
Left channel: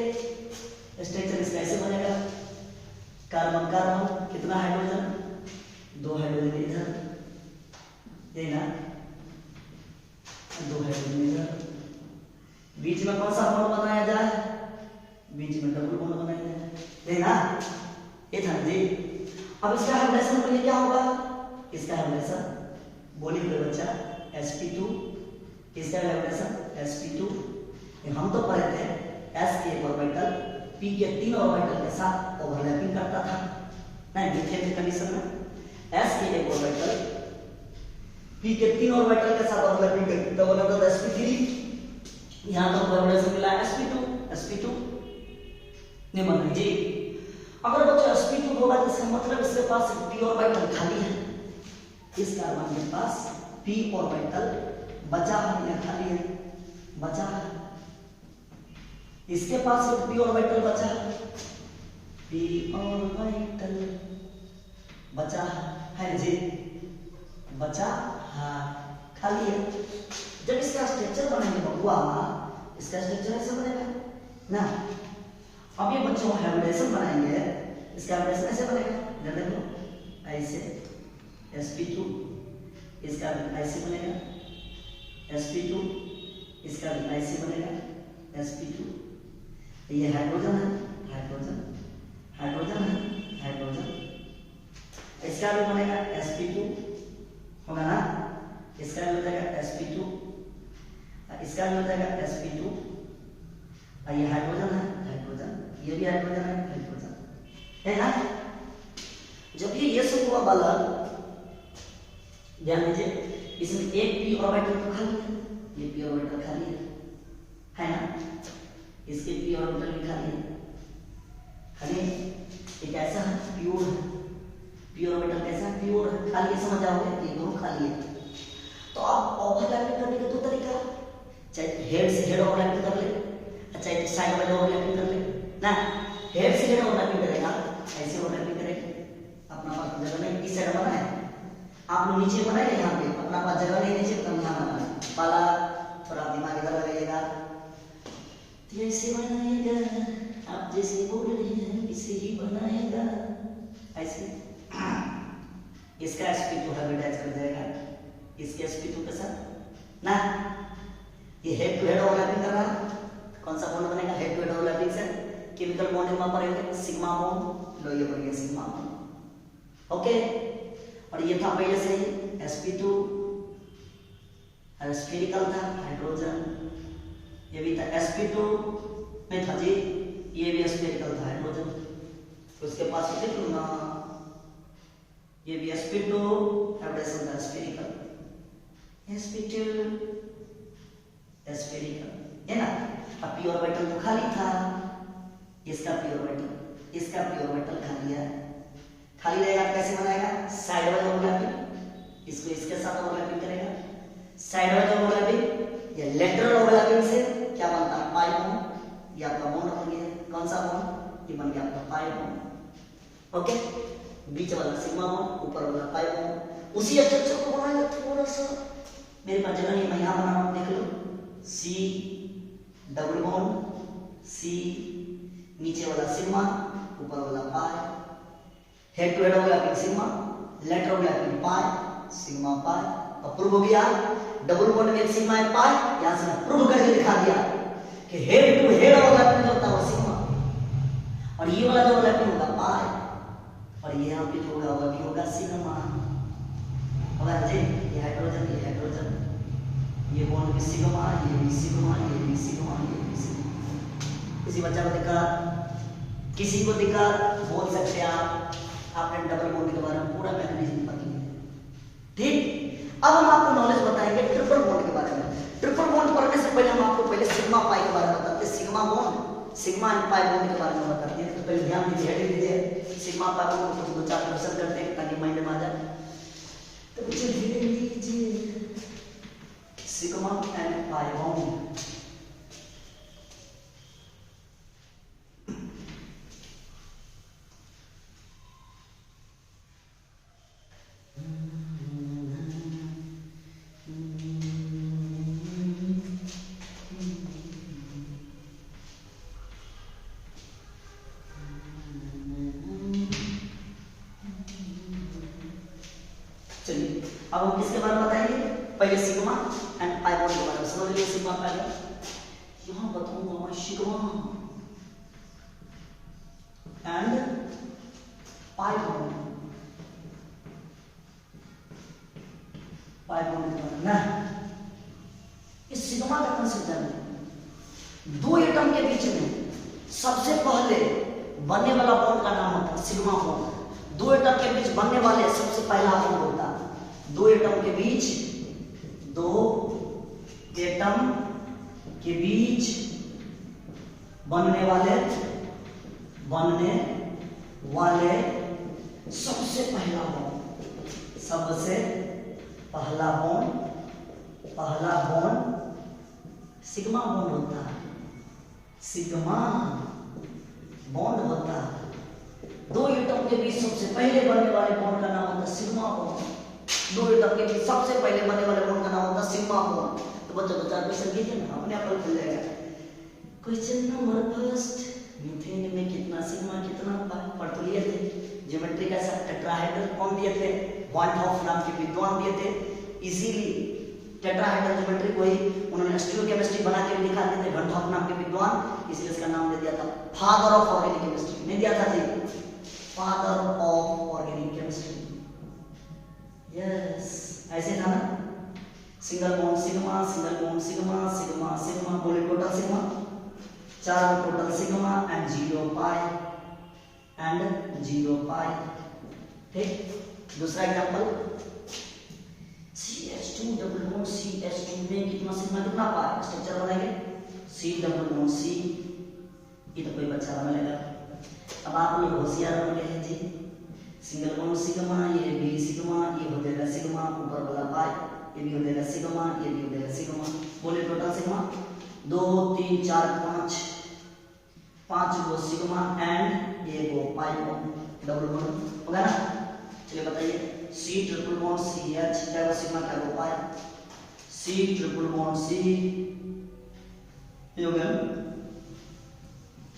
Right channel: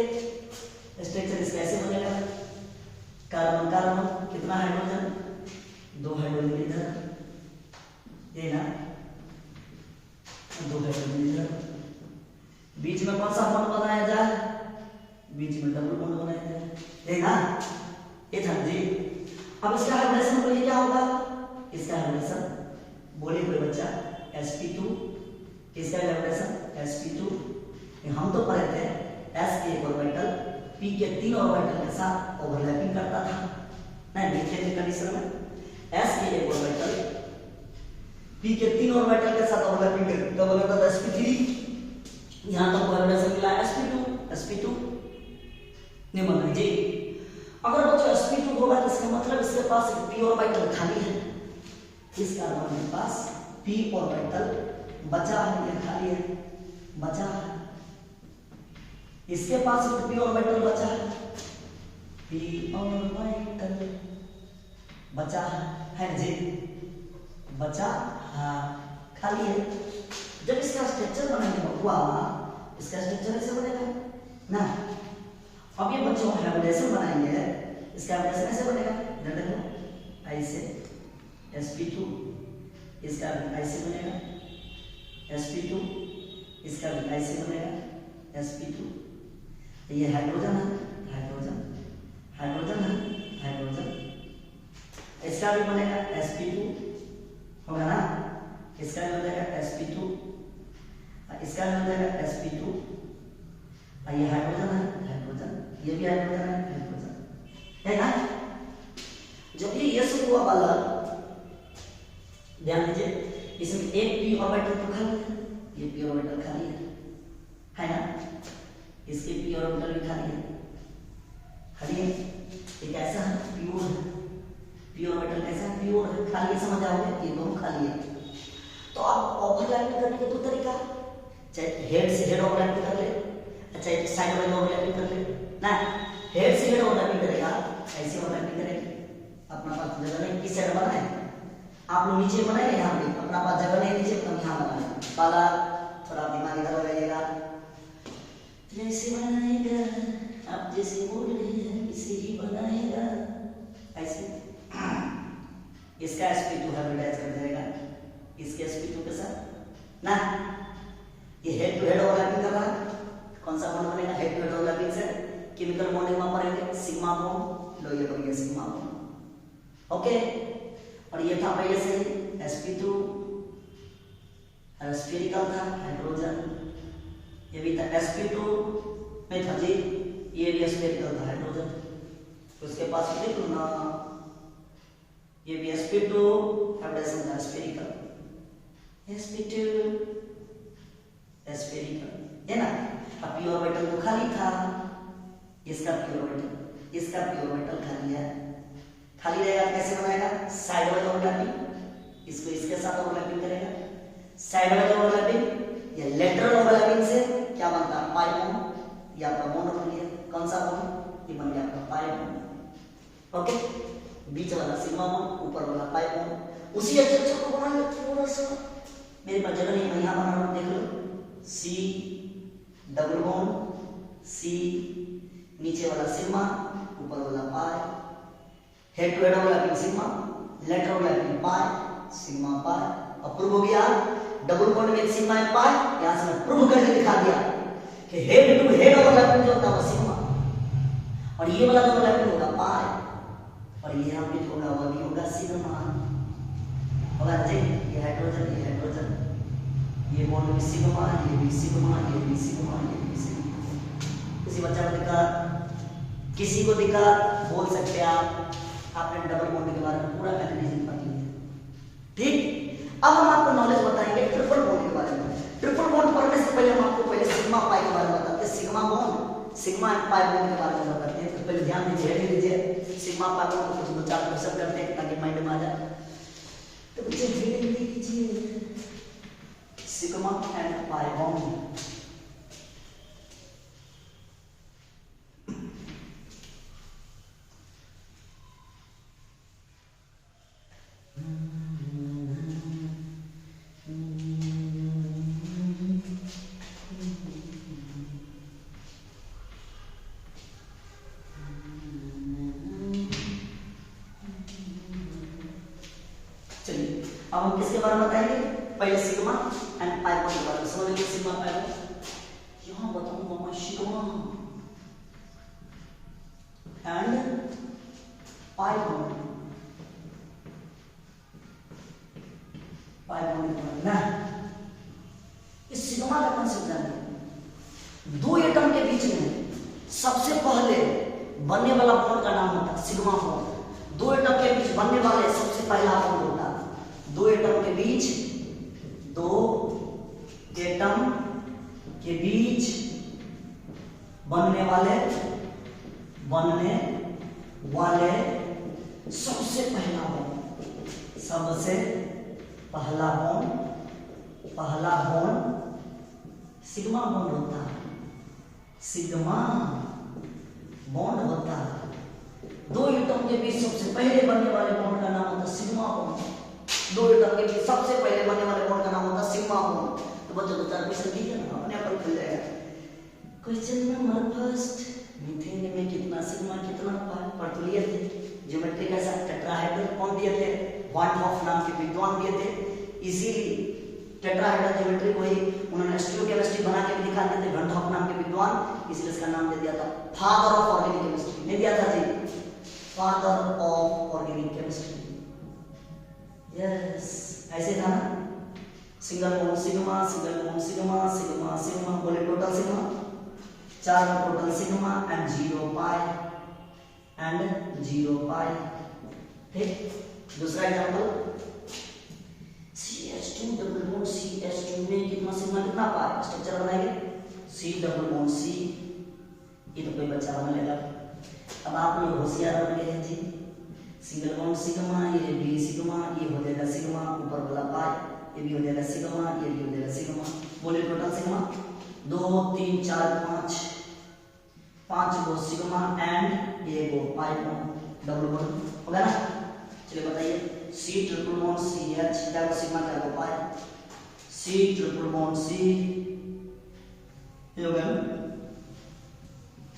स्ट्रक्चर इसका ऐसे बनेगा, कार्बन कार्बन, कितना हाइड्रोजन, 2 हाइड्रोजन इधर, ये ना 2 हाइड्रोजन इधर, बीच में कौन सा बॉन्ड बनाया जाए? बीच में डबल बॉन्ड बनाया जाए, ये ना, ये था जी। अब इसका हाइब्रिडेशन बोलिए क्या होगा? इसका हाइब्रिडेशन बोलिए कोई बच्चा, sp2, इसका हाइब्रिडेशन sp2। हम तो पढ़े थे s के एक ऑर्बिटल p के 3 ऑर्बिटल के साथ ओवरलैपिंग करता था, नहीं मीथेन के कंडीशन में s के एक ऑर्बिटल p के 3 ऑर्बिटल के साथ ओवरलैपिंग करता था, बोला था sp3। यहां तो हाइब्रिडेशन मिला sp2 नहीं बना जी। अगर बच्चा sp2 होगा तो इसका मतलब इसके पास p ऑर्बिटल खाली है, इस कार्बन के पास p ऑर्बिटल बचा है या खाली है? बचा है। इसके पास एक p ऑर्बिटल बचा है, p ऑर्बिटल बचा है जी, बचा है, खाली है। जब इसका स्ट्रक्चर बनाएंगे बबुआ, इसका स्ट्रक्चर ऐसे बनेगा ना। अब ये बच्चों हाइब्रिडेशन बनाएंगे, इसका हाइब्रिडेशन ऐसे बनेगा, इधर देखो ऐसे sp2, इसका ऐसे बनेगा sp2, इसका ऐसे बनेगा sp2। ये हाइड्रोजन है, हाइड्रोजन, हाइड्रोजन है, हाइड्रोजन, इसका भी बनेगा sp2 होगा ना, इसका भी हो जाएगा sp2, इसका भी हो जाएगा sp2। ये हाइड्रोजन है, हाइड्रोजन, ये भी हाइड्रोजन है, हाइड्रोजन है ना। जब ये सब हुआ वाला, ध्यान दीजिए, इसमें एक p ऑर्बिटल तो खाली है, ये p ऑर्बिटल खाली है ना, इसके p ऑर्बिटल भी खाली है। एक ऐसा है प्योर है, p ऑर्बिटल कैसा है? प्योर है, खाली है, समझ आओगे, ये दोनों खाली है। तो अब ओवरलैपिंग करने के दो तरीका, चाहे हेड से हेड ओवरलैपिंग कर ले, चाहे साइड वाइज ओवरलैपिंग कर ले ना। हेड से हेड ओवरलैपिंग करेगा, ऐसे ओवरलैपिंग करेगा, अपना पास जगह नहीं, इस साइड बना है, आप लोग नीचे बनाए यहाँ पे अपना पास जगह नहीं नीचे, तुम यहाँ बनाना पाला। थोड़ा दिमाग इधर लगाइएगा। जैसे बनाएगा आप जैसे बोल रहे हैं इसे ही बनाएगा, ऐसे। इसका sp2 हाइब्रिडाइज कर जाएगा इसके sp2 के साथ ना। ये हेड टू हेड ओवरलैपिंग कर रहा है, कौन सा बॉन्ड बनेगा? हेड टू हेड ओवरलैपिंग से केमिकल बॉन्ड वहां पर है सिग्मा बॉन्ड, लो ये बन गया सिग्मा बॉन्ड। ओके, और ये था पहले से sp2 और स्फेरिकल था हाइड्रोजन, ये भी था sp2 नहीं था जी, ये भी स्फेरिकल था हाइड्रोजन। उसके पास देख लो ना, ये भी sp2 हाइब्रिडाइजेशन था स्फेरिकल, sp2 स्फेरिकल है ना। अब पी ऑर्बिटल तो खाली था, इसका पी ऑर्बिटल, इसका पी ऑर्बिटल खाली है। खाली रहेगा कैसे बनाएगा? साइड वाइज ओवरलैपिंग, इसको इसके साथ ओवरलैपिंग करेगा। साइड वाइज ओवरलैपिंग या लेटरल ओवरलैपिंग से क्या बनता है? Pi bond. ये आपका बॉन्ड बन गया, कौन सा बॉन्ड? ये बन गया आपका पाई बॉन्ड। ओके, बीच वाला सिग्मा बॉन्ड, ऊपर वाला पाई बॉन्ड। उसी स्ट्रक्चर को बनाएंगे थोड़ा सा, मेरे पास जगह नहीं, मैं यहां बना रहा हूं, देख लो। सी डबल बॉन्ड, सी नीचे वाला सिग्मा, ऊपर वाला pi, head to head overlapping sigma, lateral overlapping pi, sigma pi. Approve हो गया डबल बॉन्ड में सिग्मा एंड पाई। यहां से प्रूव करके दिखा दिया कि हेड टू हेड ओवरलैपिंग जो होता है वो सिग्मा, और ये वाला जो ओवरलैपिंग होगा पाई, और ये यहां पे जो होगा वो भी होगा सिग्मा। होगा जी, ये हाइड्रोजन, ये हाइड्रोजन, ये बॉन्ड भी सिग्मा, ये भी सिग्मा, ये भी सिग्मा, ये भी सिग्मा। किसी बच्चा को दिक्कत, किसी को दिक्कत बोल सकते हैं आप, आपने डबल बॉन्ड के बारे में पूरा मैकेनिज्म पता है। ठीक, अब हम आपको नॉलेज बताएंगे ट्रिपल बॉन्ड के बारे में। ट्रिपल बॉन्ड पढ़ने से पहले हम आपको पहले सिग्मा पाई के बारे में बताते हैं, sigma bond, sigma and pi bond के बारे में बताते हैं। तो पहले ध्यान दीजिए, हेड लीजिए, सिग्मा पाई बॉन्ड को कुछ दो चार क्वेश्चन करते हैं ताकि माइंड में आ जाए। तो बच्चे हेड लीजिए, सिग्मा एंड पाई बॉन्ड। चलिए अब हम किसके बारे में बताएंगे? पहले सिग्मा एंड पाई बॉन्ड के बारे में समझ लीजिए। सिग्मा पाई बॉन्ड यहां बताऊंगा मैं, sigma and pi bond, pi bond के बारे में। इस सिग्मा का कंसेप्ट जानते, दो एटम के बीच में सबसे पहले बनने वाला बॉन्ड का नाम होता है सिग्मा बॉन्ड। दो एटम के बीच बनने वाले सबसे पहला बॉन्ड होता है, दो एटम के बीच, दो एटम के बीच बनने वाले सबसे पहला बॉन्ड, सबसे पहला बॉन्ड सिग्मा बॉन्ड होता है, सिग्मा बॉन्ड होता है। दो एटम के बीच सबसे पहले बनने वाले बॉन्ड का नाम होता है सिग्मा बॉन्ड। दो एटम के बीच सबसे पहले बनने वाले बॉन्ड का नाम होता है सिग्मा बॉन्ड। तो बच्चों को चार क्वेश्चन कीजिए ना, अपने आप खुल जाएगा। क्वेश्चन नंबर फर्स्ट, मीथेन में कितना सिग्मा कितना पाई पढ़ तो लिए थे। ज्योमेट्री का साथ टेट्राहेड्रल कौन दिए थे? वॉन हॉफ नाम के विद्वान दिए थे। इजीली टेट्राहेड्रल ज्योमेट्री को ही उन्होंने स्टीरियोकेमिस्ट्री बना के दिखा दिए थे, वॉन हॉफ नाम के विद्वान, इसलिए इसका नाम दे दिया था फादर ऑफ ऑर्गेनिक केमिस्ट्री। नहीं दिया था जी, father of organic chemistry. Yes, ऐसे था ना, single bond sigma, single bond sigma, sigma sigma, बोले टोटल सिग्मा, चार total sigma and zero pi, and zero pi. ठीक, दूसरा example CH2 double bond CH2 में कितना सिग्मा कितना पाई, स्ट्रक्चर बनाएंगे C डबल बॉन्ड C। ये तो कोई बच्चा बना लेगा। अब आप लोग होशियार बन गए हैं जी, सिंगल बॉन्ड सिग्मा, ये भी सिग्मा, ये हो जाएगा सिग्मा, ऊपर वाला पाई, ये भी हो जाएगा सिग्मा, ये भी हो जाएगा सिग्मा। बोले टोटल सिग्मा 2 3 4 5, 5 गो सिग्मा एंड ये गो पाई बॉन्ड, डबल बॉन्ड होगा ना। चलिए बताइए, C triple bond C H, क्या वो सिग्मा क्या हो पाए, सी ट्रिपल बॉन्ड सी, ये हो गया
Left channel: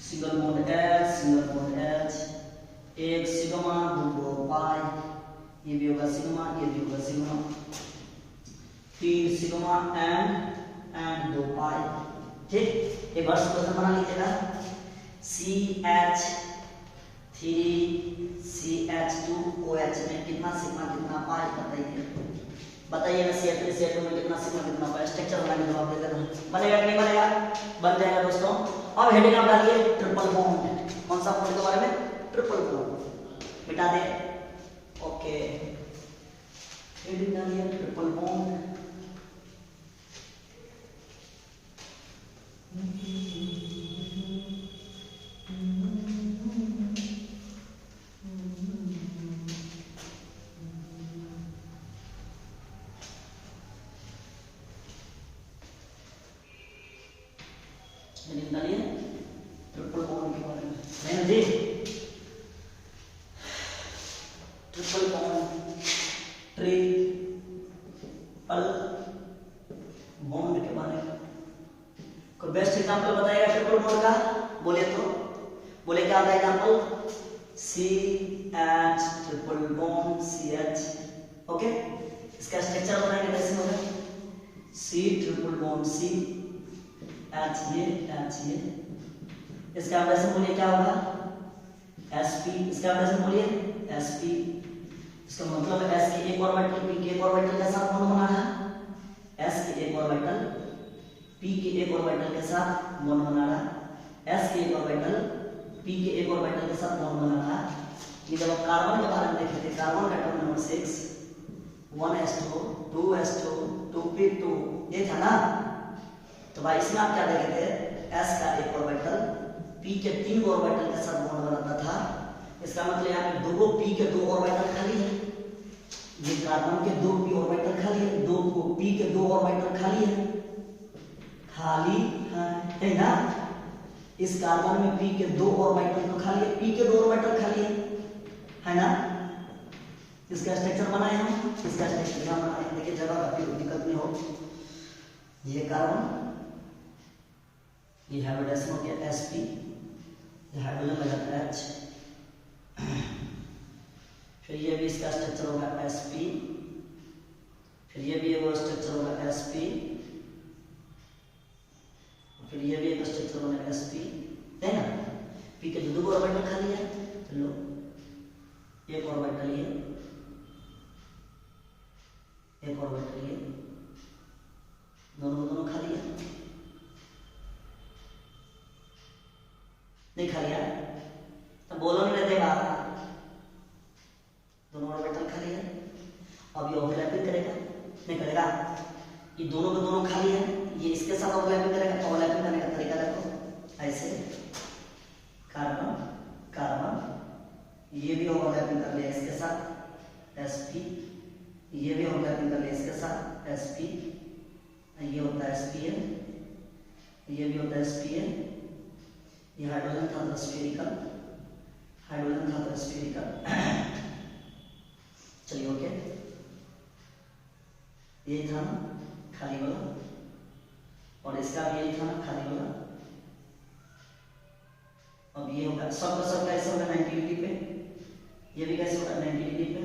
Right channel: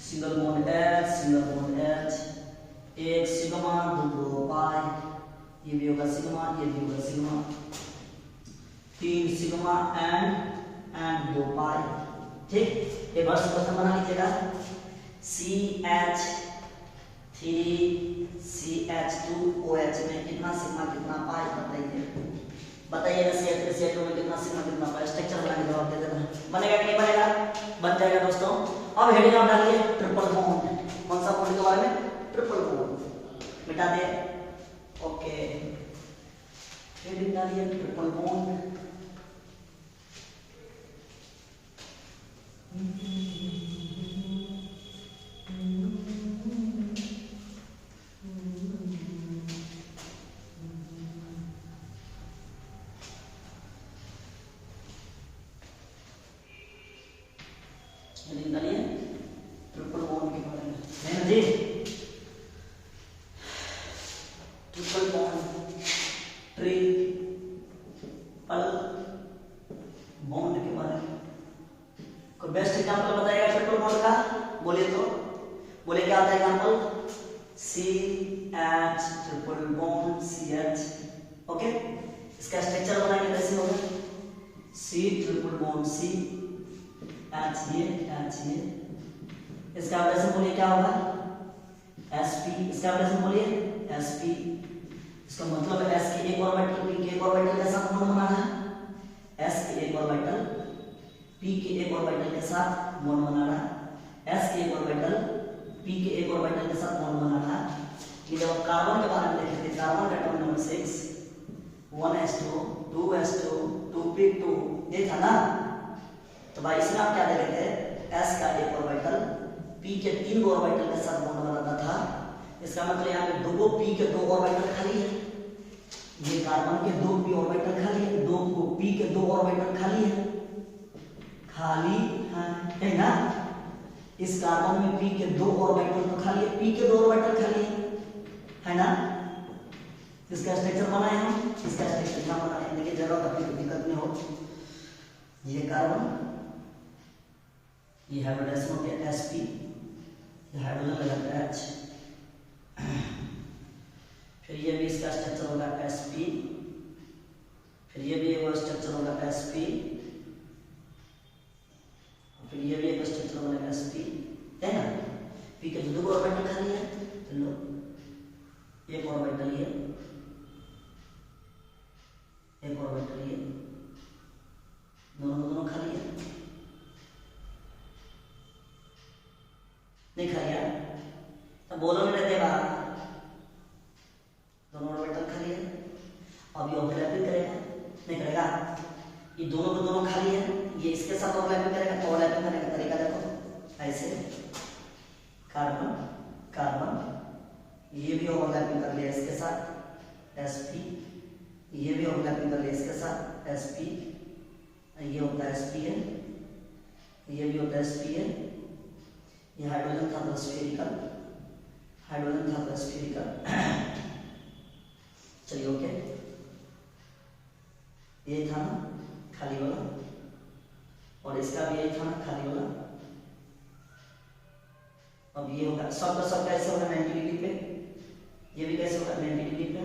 single bond H, single bond H, एक सिग्मा दो पाई, ये भी होगा सिग्मा, ये भी होगा सिग्मा, तीन सिग्मा एंड दो पाई। ठीक, एक बार क्वेश्चन बना लीजिएगा, C H three C H two O H में कितना सिग्मा कितना पाई बताइए, बताइएगा। CH3 में कितना सिग्मा कितना पाई, स्ट्रक्चर बना के जवाब दे देना। बनेगा कि नहीं बनेगा, बन जाएगा दोस्तों। अब हेडिंग आप डालिए ट्रिपल बॉन्ड, कौन सा बॉन्ड के बारे में, ट्रिपल बॉन्ड, मिटा दे, ओके। हेडिंग डालिए ट्रिपल बॉन्ड, ट्रिपल बॉन्ड के बारे में नहीं जी, ट्रिपल बॉन्ड ट्रिपल बॉन्ड के बारे में कोई बेस्ट एग्जांपल बताएगा ट्रिपल बॉन्ड का, बोलिए तो, बोले क्या होता है example, C H triple bond C H, okay. इसका स्ट्रक्चर बनाएंगे कैसे होगा, C triple bond C H ये, इसका वैसे बोलिए क्या होगा, sp, इसका वैसे बोलिए sp, इसका मतलब s के एक ऑर्बिटल p के एक ऑर्बिटल के साथ बॉन्ड बनाना है, s के एक ऑर्बिटल p के एक ऑर्बिटल के साथ बॉन्ड बनाना, s के एक ऑर्बिटल p के एक ऑर्बिटल के साथ बॉन्ड बनाना। ये जब कार्बन के बारे में देखे थे, कार्बन का atom number 6 1s2 2s2 2p2 ये था ना, तो भाई इसमें आप क्या देखे थे, s का एक ऑर्बिटल p के तीन ऑर्बिटल के साथ बॉन्ड बनाता था। इसका मतलब यहाँ पे दो p के दो ऑर्बिटल खाली है, ये कार्बन के दो p ऑर्बिटल खाली है, दो p के दो ऑर्बिटल खाली है, खाली है ना। इस कार्बन में p के दो ऑर्बिटल तो खाली है, p के दो ऑर्बिटल खाली है ना। इसका स्ट्रक्चर बनाए हम, इसका स्ट्रक्चर क्या बनाए, देखिए जगह का कोई दिक्कत नहीं हो, ये कार्बन, ये हाइड्रोजन हो गया sp, हाइड्रोजन लगाता है H, फिर ये भी इसका स्ट्रक्चर होगा sp, फिर ये भी एक स्ट्रक्चर होगा sp, फिर ये भी एक स्ट्रक्चर बनेगा sp, है ना। p के दो ऑर्बिटल खाली है, चलो एक ऑर्बिटल ये, एक ऑर्बिटल ये, दोनों खाली है, नहीं खाली है, तो बोलो नहीं रहते बाहर, दोनों ऑर्बिटल खाली है। अब ये ओवरलैपिंग करेगा, नहीं करेगा, ये दोनों को दोनों खाली है, ये इसके साथ ओवरलैपिंग करेगा, ओवरलैपिंग करने का तरीका देखो, ऐसे कार्बन कार्बन, ये भी ओवरलैपिंग कर लिया इसके साथ sp, ये भी ओवरलैपिंग कर लिया इसके साथ sp, ये होता है sp, ये भी होता है sp, ये हाइड्रोजन था तो स्फेरिकल, हाइड्रोजन था तो स्फेरिकल, चलिए ओके। ये था ना खाली वाला, और इसका भी यही था ना खाली वाला। अब ये होगा सबका सब कैसे होगा 90 डिग्री पे, ये भी कैसे होगा 90 डिग्री पे,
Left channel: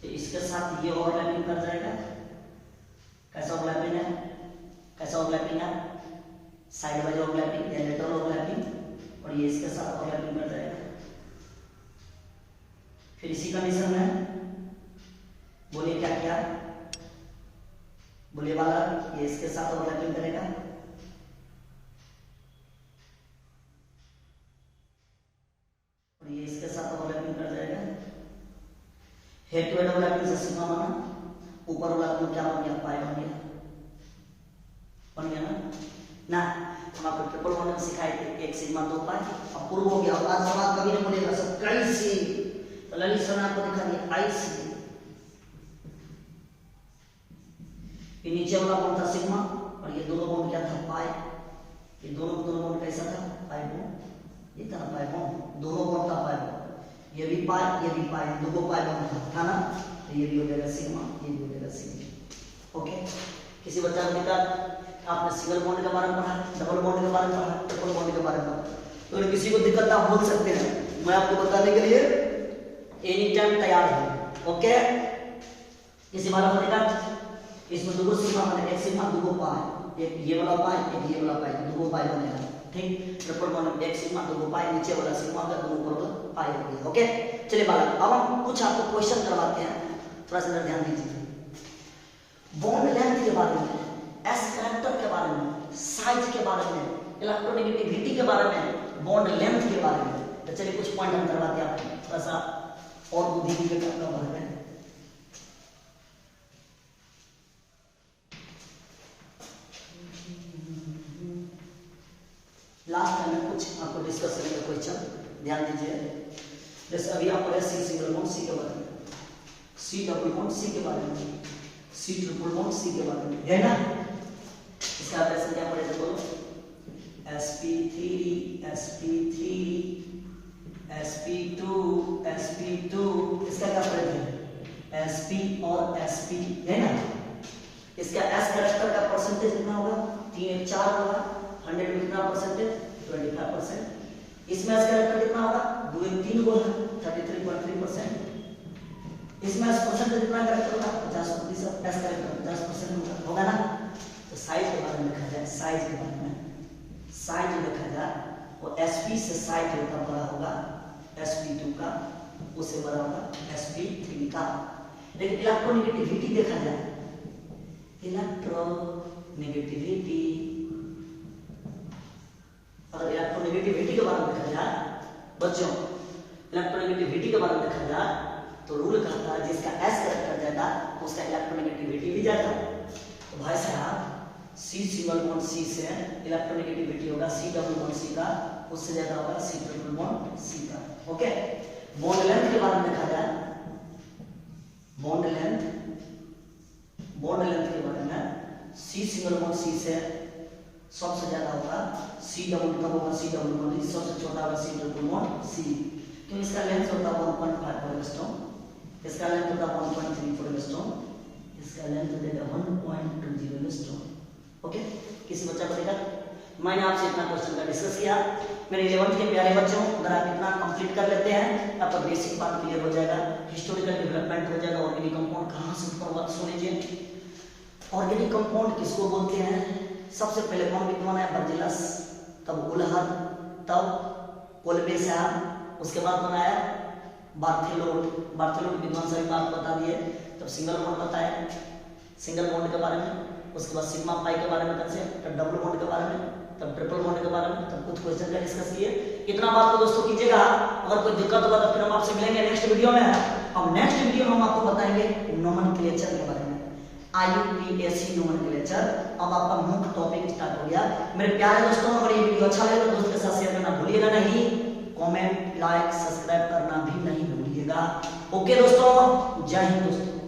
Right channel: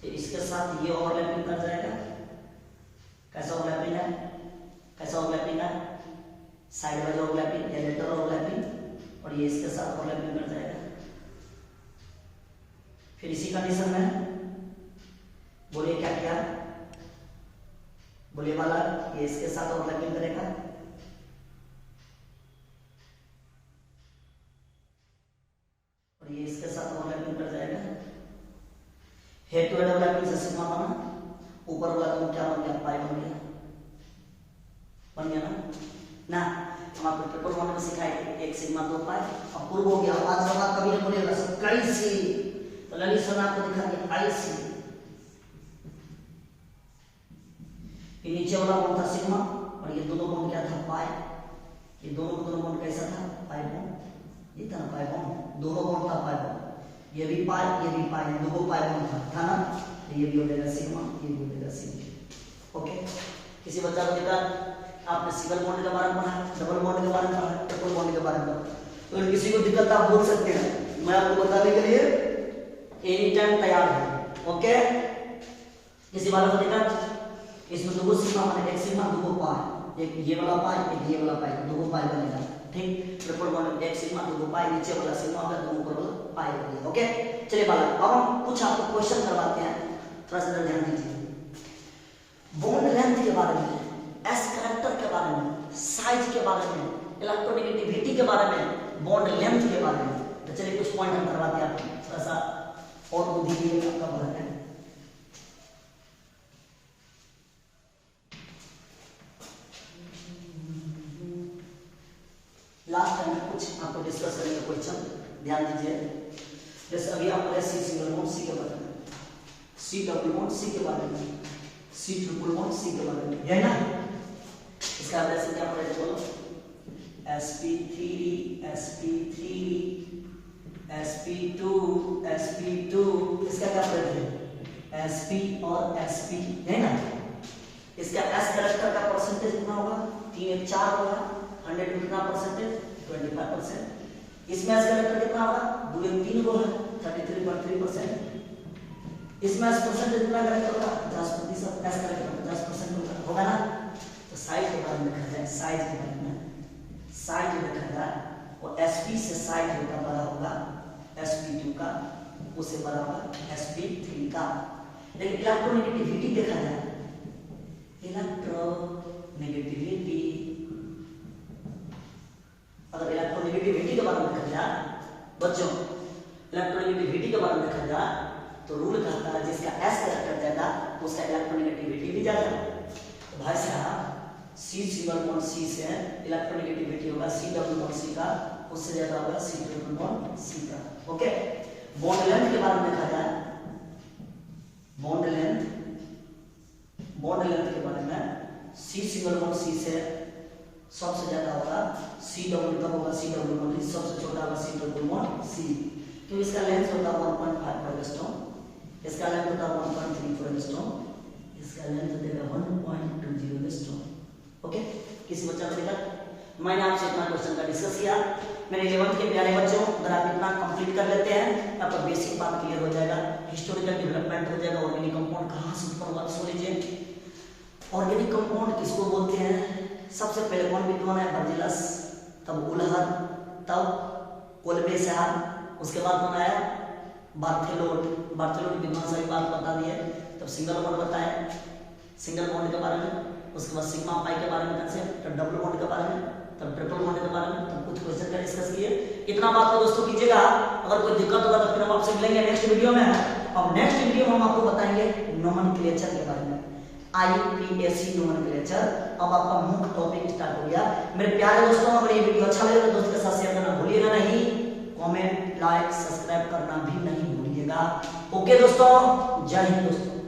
तो इसके साथ ये ओवरलैपिंग कर जाएगा, कैसा ओवरलैपिंग है, कैसा ओवरलैपिंग है, साइड वाइज ओवरलैपिंग या लेटरल ओवरलैपिंग, और ये इसके साथ ओवरलैपिंग कर जाएगा। फिर इसी कंडीशन में बोलिए क्या किया, बोलिए वाला ये इसके साथ ओवरलैपिंग करेगा, और ये इसके साथ ओवरलैपिंग कर जाएगा। हेड टू हेड ओवरलैपिंग से सिग्मा बना, ऊपर वाला तो क्या बन गया, पाई बन गया, बन गया ना। हम आपको ट्रिपल बॉन्ड में सिखाए थे, एक सिग्मा दो पाई, अब प्रूव हो गया। आज सवाल कभी नहीं बोलेगा सब कई सी, तो ललित सर ने आपको दिखा दिया आई सी, ये नीचे वाला बॉन्ड था सिग्मा, और ये दोनों बॉन्ड क्या था पाई, ये दोनों बॉन्ड कैसा था पाई बॉन्ड, ये था पाई बॉन्ड, दोनों बॉन्ड था पाई बॉन्ड, ये भी पाई, ये भी पाई, दो को पाई बॉन्ड था ना, तो ये भी हो जाएगा सिग्मा, ये भी हो जाएगा सिग्मा। ओके, किसी बच्चा को दिक्कत, आपने सिंगल बॉन्ड के बारे में पढ़ा है, डबल बॉन्ड के बारे में पढ़ा है, ट्रिपल बॉन्ड के बारे में पढ़ा है, तो किसी को दिक्कत आप बोल सकते हैं, मैं आपको बताने के लिए एनी टाइम तैयार हूं। ओके, किसी वाला को दिक्कत, इसमें दो सिग्मा बनेगा, एक सिग्मा दो को पाई, एक ये वाला पाई, एक ये वाला पाई, दो पाई बनेगा। ठीक, ट्रिपल बॉन्ड एक सिग्मा दो पाई, नीचे वाला सिग्मा का दो ऊपर वाला पाई बनेगा। ओके, चलिए बालक, अब हम कुछ आपको क्वेश्चन करवाते हैं, थोड़ा सा ध्यान दीजिए। बॉन्ड लेंथ के बारे में, एस कैरेक्टर के बारे में, साइज के बारे में, इलेक्ट्रोनेगेटिविटी के बारे में, बॉन्ड लेंथ के बारे में, तो चलिए कुछ पॉइंट हम करवाते हैं आपको, थोड़ा सा और बुद्धि के लिए आपका बालक है। लास्ट टाइम में कुछ आपको डिस्कस करेंगे क्वेश्चन, ध्यान दीजिए। जैसे अभी आप पढ़े सी सिंगल बॉन्ड सी के बारे में, सी डबल बॉन्ड सी के बारे में, सी ट्रिपल बॉन्ड सी के बारे में, है ना। इसका ऑपरेशन क्या पढ़े थे बोलो, sp3 sp3 sp2 sp2, इसका क्या पढ़े थे, sp और sp, है ना। इसका s कैरेक्टर का परसेंटेज कितना होगा, 3 4 होगा, 100 में कितना परसेंटेज, 25%। इसमें s कैरेक्टर कितना होगा, 2 3 को है, 33.3%। इसमें s परसेंटेज कितना कैरेक्टर होगा, 50%, s कैरेक्टर 50% होगा ना। तो साइज के बारे में लिखा जाए, साइज के बारे में, साइज लिखा जाए, और sp से साइज होता बड़ा होगा sp2 का, उससे बड़ा होगा sp3 का। लेकिन इलेक्ट्रोनेगेटिविटी देखा जाए, इलेक्ट्रोनेगेटिविटी, अगर इलेक्ट्रोनेगेटिविटी के बारे में देखा जाए बच्चों, इलेक्ट्रोनेगेटिविटी के बारे में देखा जाए तो रूल कहता है जिसका s कैरेक्टर ज्यादा उसका इलेक्ट्रोनेगेटिविटी भी ज्यादा। तो भाई साहब सी सिंगल बॉन्ड सी से इलेक्ट्रोनेगेटिविटी होगा सी डबल बॉन्ड सी का, उससे ज्यादा होगा सी ट्रिपल बॉन्ड सी का। ओके, बॉन्ड लेंथ के बारे में देखा जाए, बॉन्ड लेंथ के बारे में सी सिंगल बॉन्ड सी से सबसे ज्यादा होगा सी डबल, कब होगा सी डबल बॉन्ड, सबसे छोटा होगा सी ट्रिपल बॉन्ड सी, क्योंकि इसका लेंथ होता है 1.5 एंगस्ट्रॉम, इसका लेंथ होता है 1.34 एंगस्ट्रॉम, इसका लेंथ देगा 1.20 एंगस्ट्रॉम। ओके, किसी बच्चा को देखा, मैंने आपसे इतना क्वेश्चन का डिस्कस किया। मेरे 11th के प्यारे बच्चों, अगर आप इतना कंप्लीट कर लेते हैं आपका बेसिक बात क्लियर हो जाएगा, हिस्टोरिकल डेवलपमेंट हो जाएगा। ऑर्गेनिक कंपाउंड कहाँ से उत्पन्न हुआ, सुन लीजिए। ऑर्गेनिक कंपाउंड किसको बोलते हैं, सबसे पहले कौन विद्वान है, बर्जिलस, तब उलहर, तब कोलबेसार, उसके बाद बनाया बार्थेलोट विद्वान सभी बात बता दिए। तब सिंगल बॉन्ड बताया, सिंगल बॉन्ड के बारे में, उसके बाद सिग्मा पाई के बारे में कंसेप्ट, तब डबल बॉन्ड के बारे में, तब ट्रिपल बॉन्ड के बारे में, तब कुछ क्वेश्चन का डिस्कस किए। इतना बात तो दोस्तों कीजिएगा, अगर कोई दिक्कत होगा तो फिर हम आपसे मिलेंगे नेक्स्ट वीडियो में। अब नेक्स्ट वीडियो में हम आपको बताएंगे नोमेनक्लेचर के बारे में, IUPAC नोमेनक्लेचर। अब आपका मुख्य टॉपिक स्टार्ट हो गया। मेरे प्यारे दोस्तों, अगर ये वीडियो अच्छा लगे तो दोस्तों के साथ शेयर करना भूलिएगा नहीं, कमेंट लाइक सब्सक्राइब करना भी नहीं भूलिएगा। ओके दोस्तों, जय हिंद दोस्तों।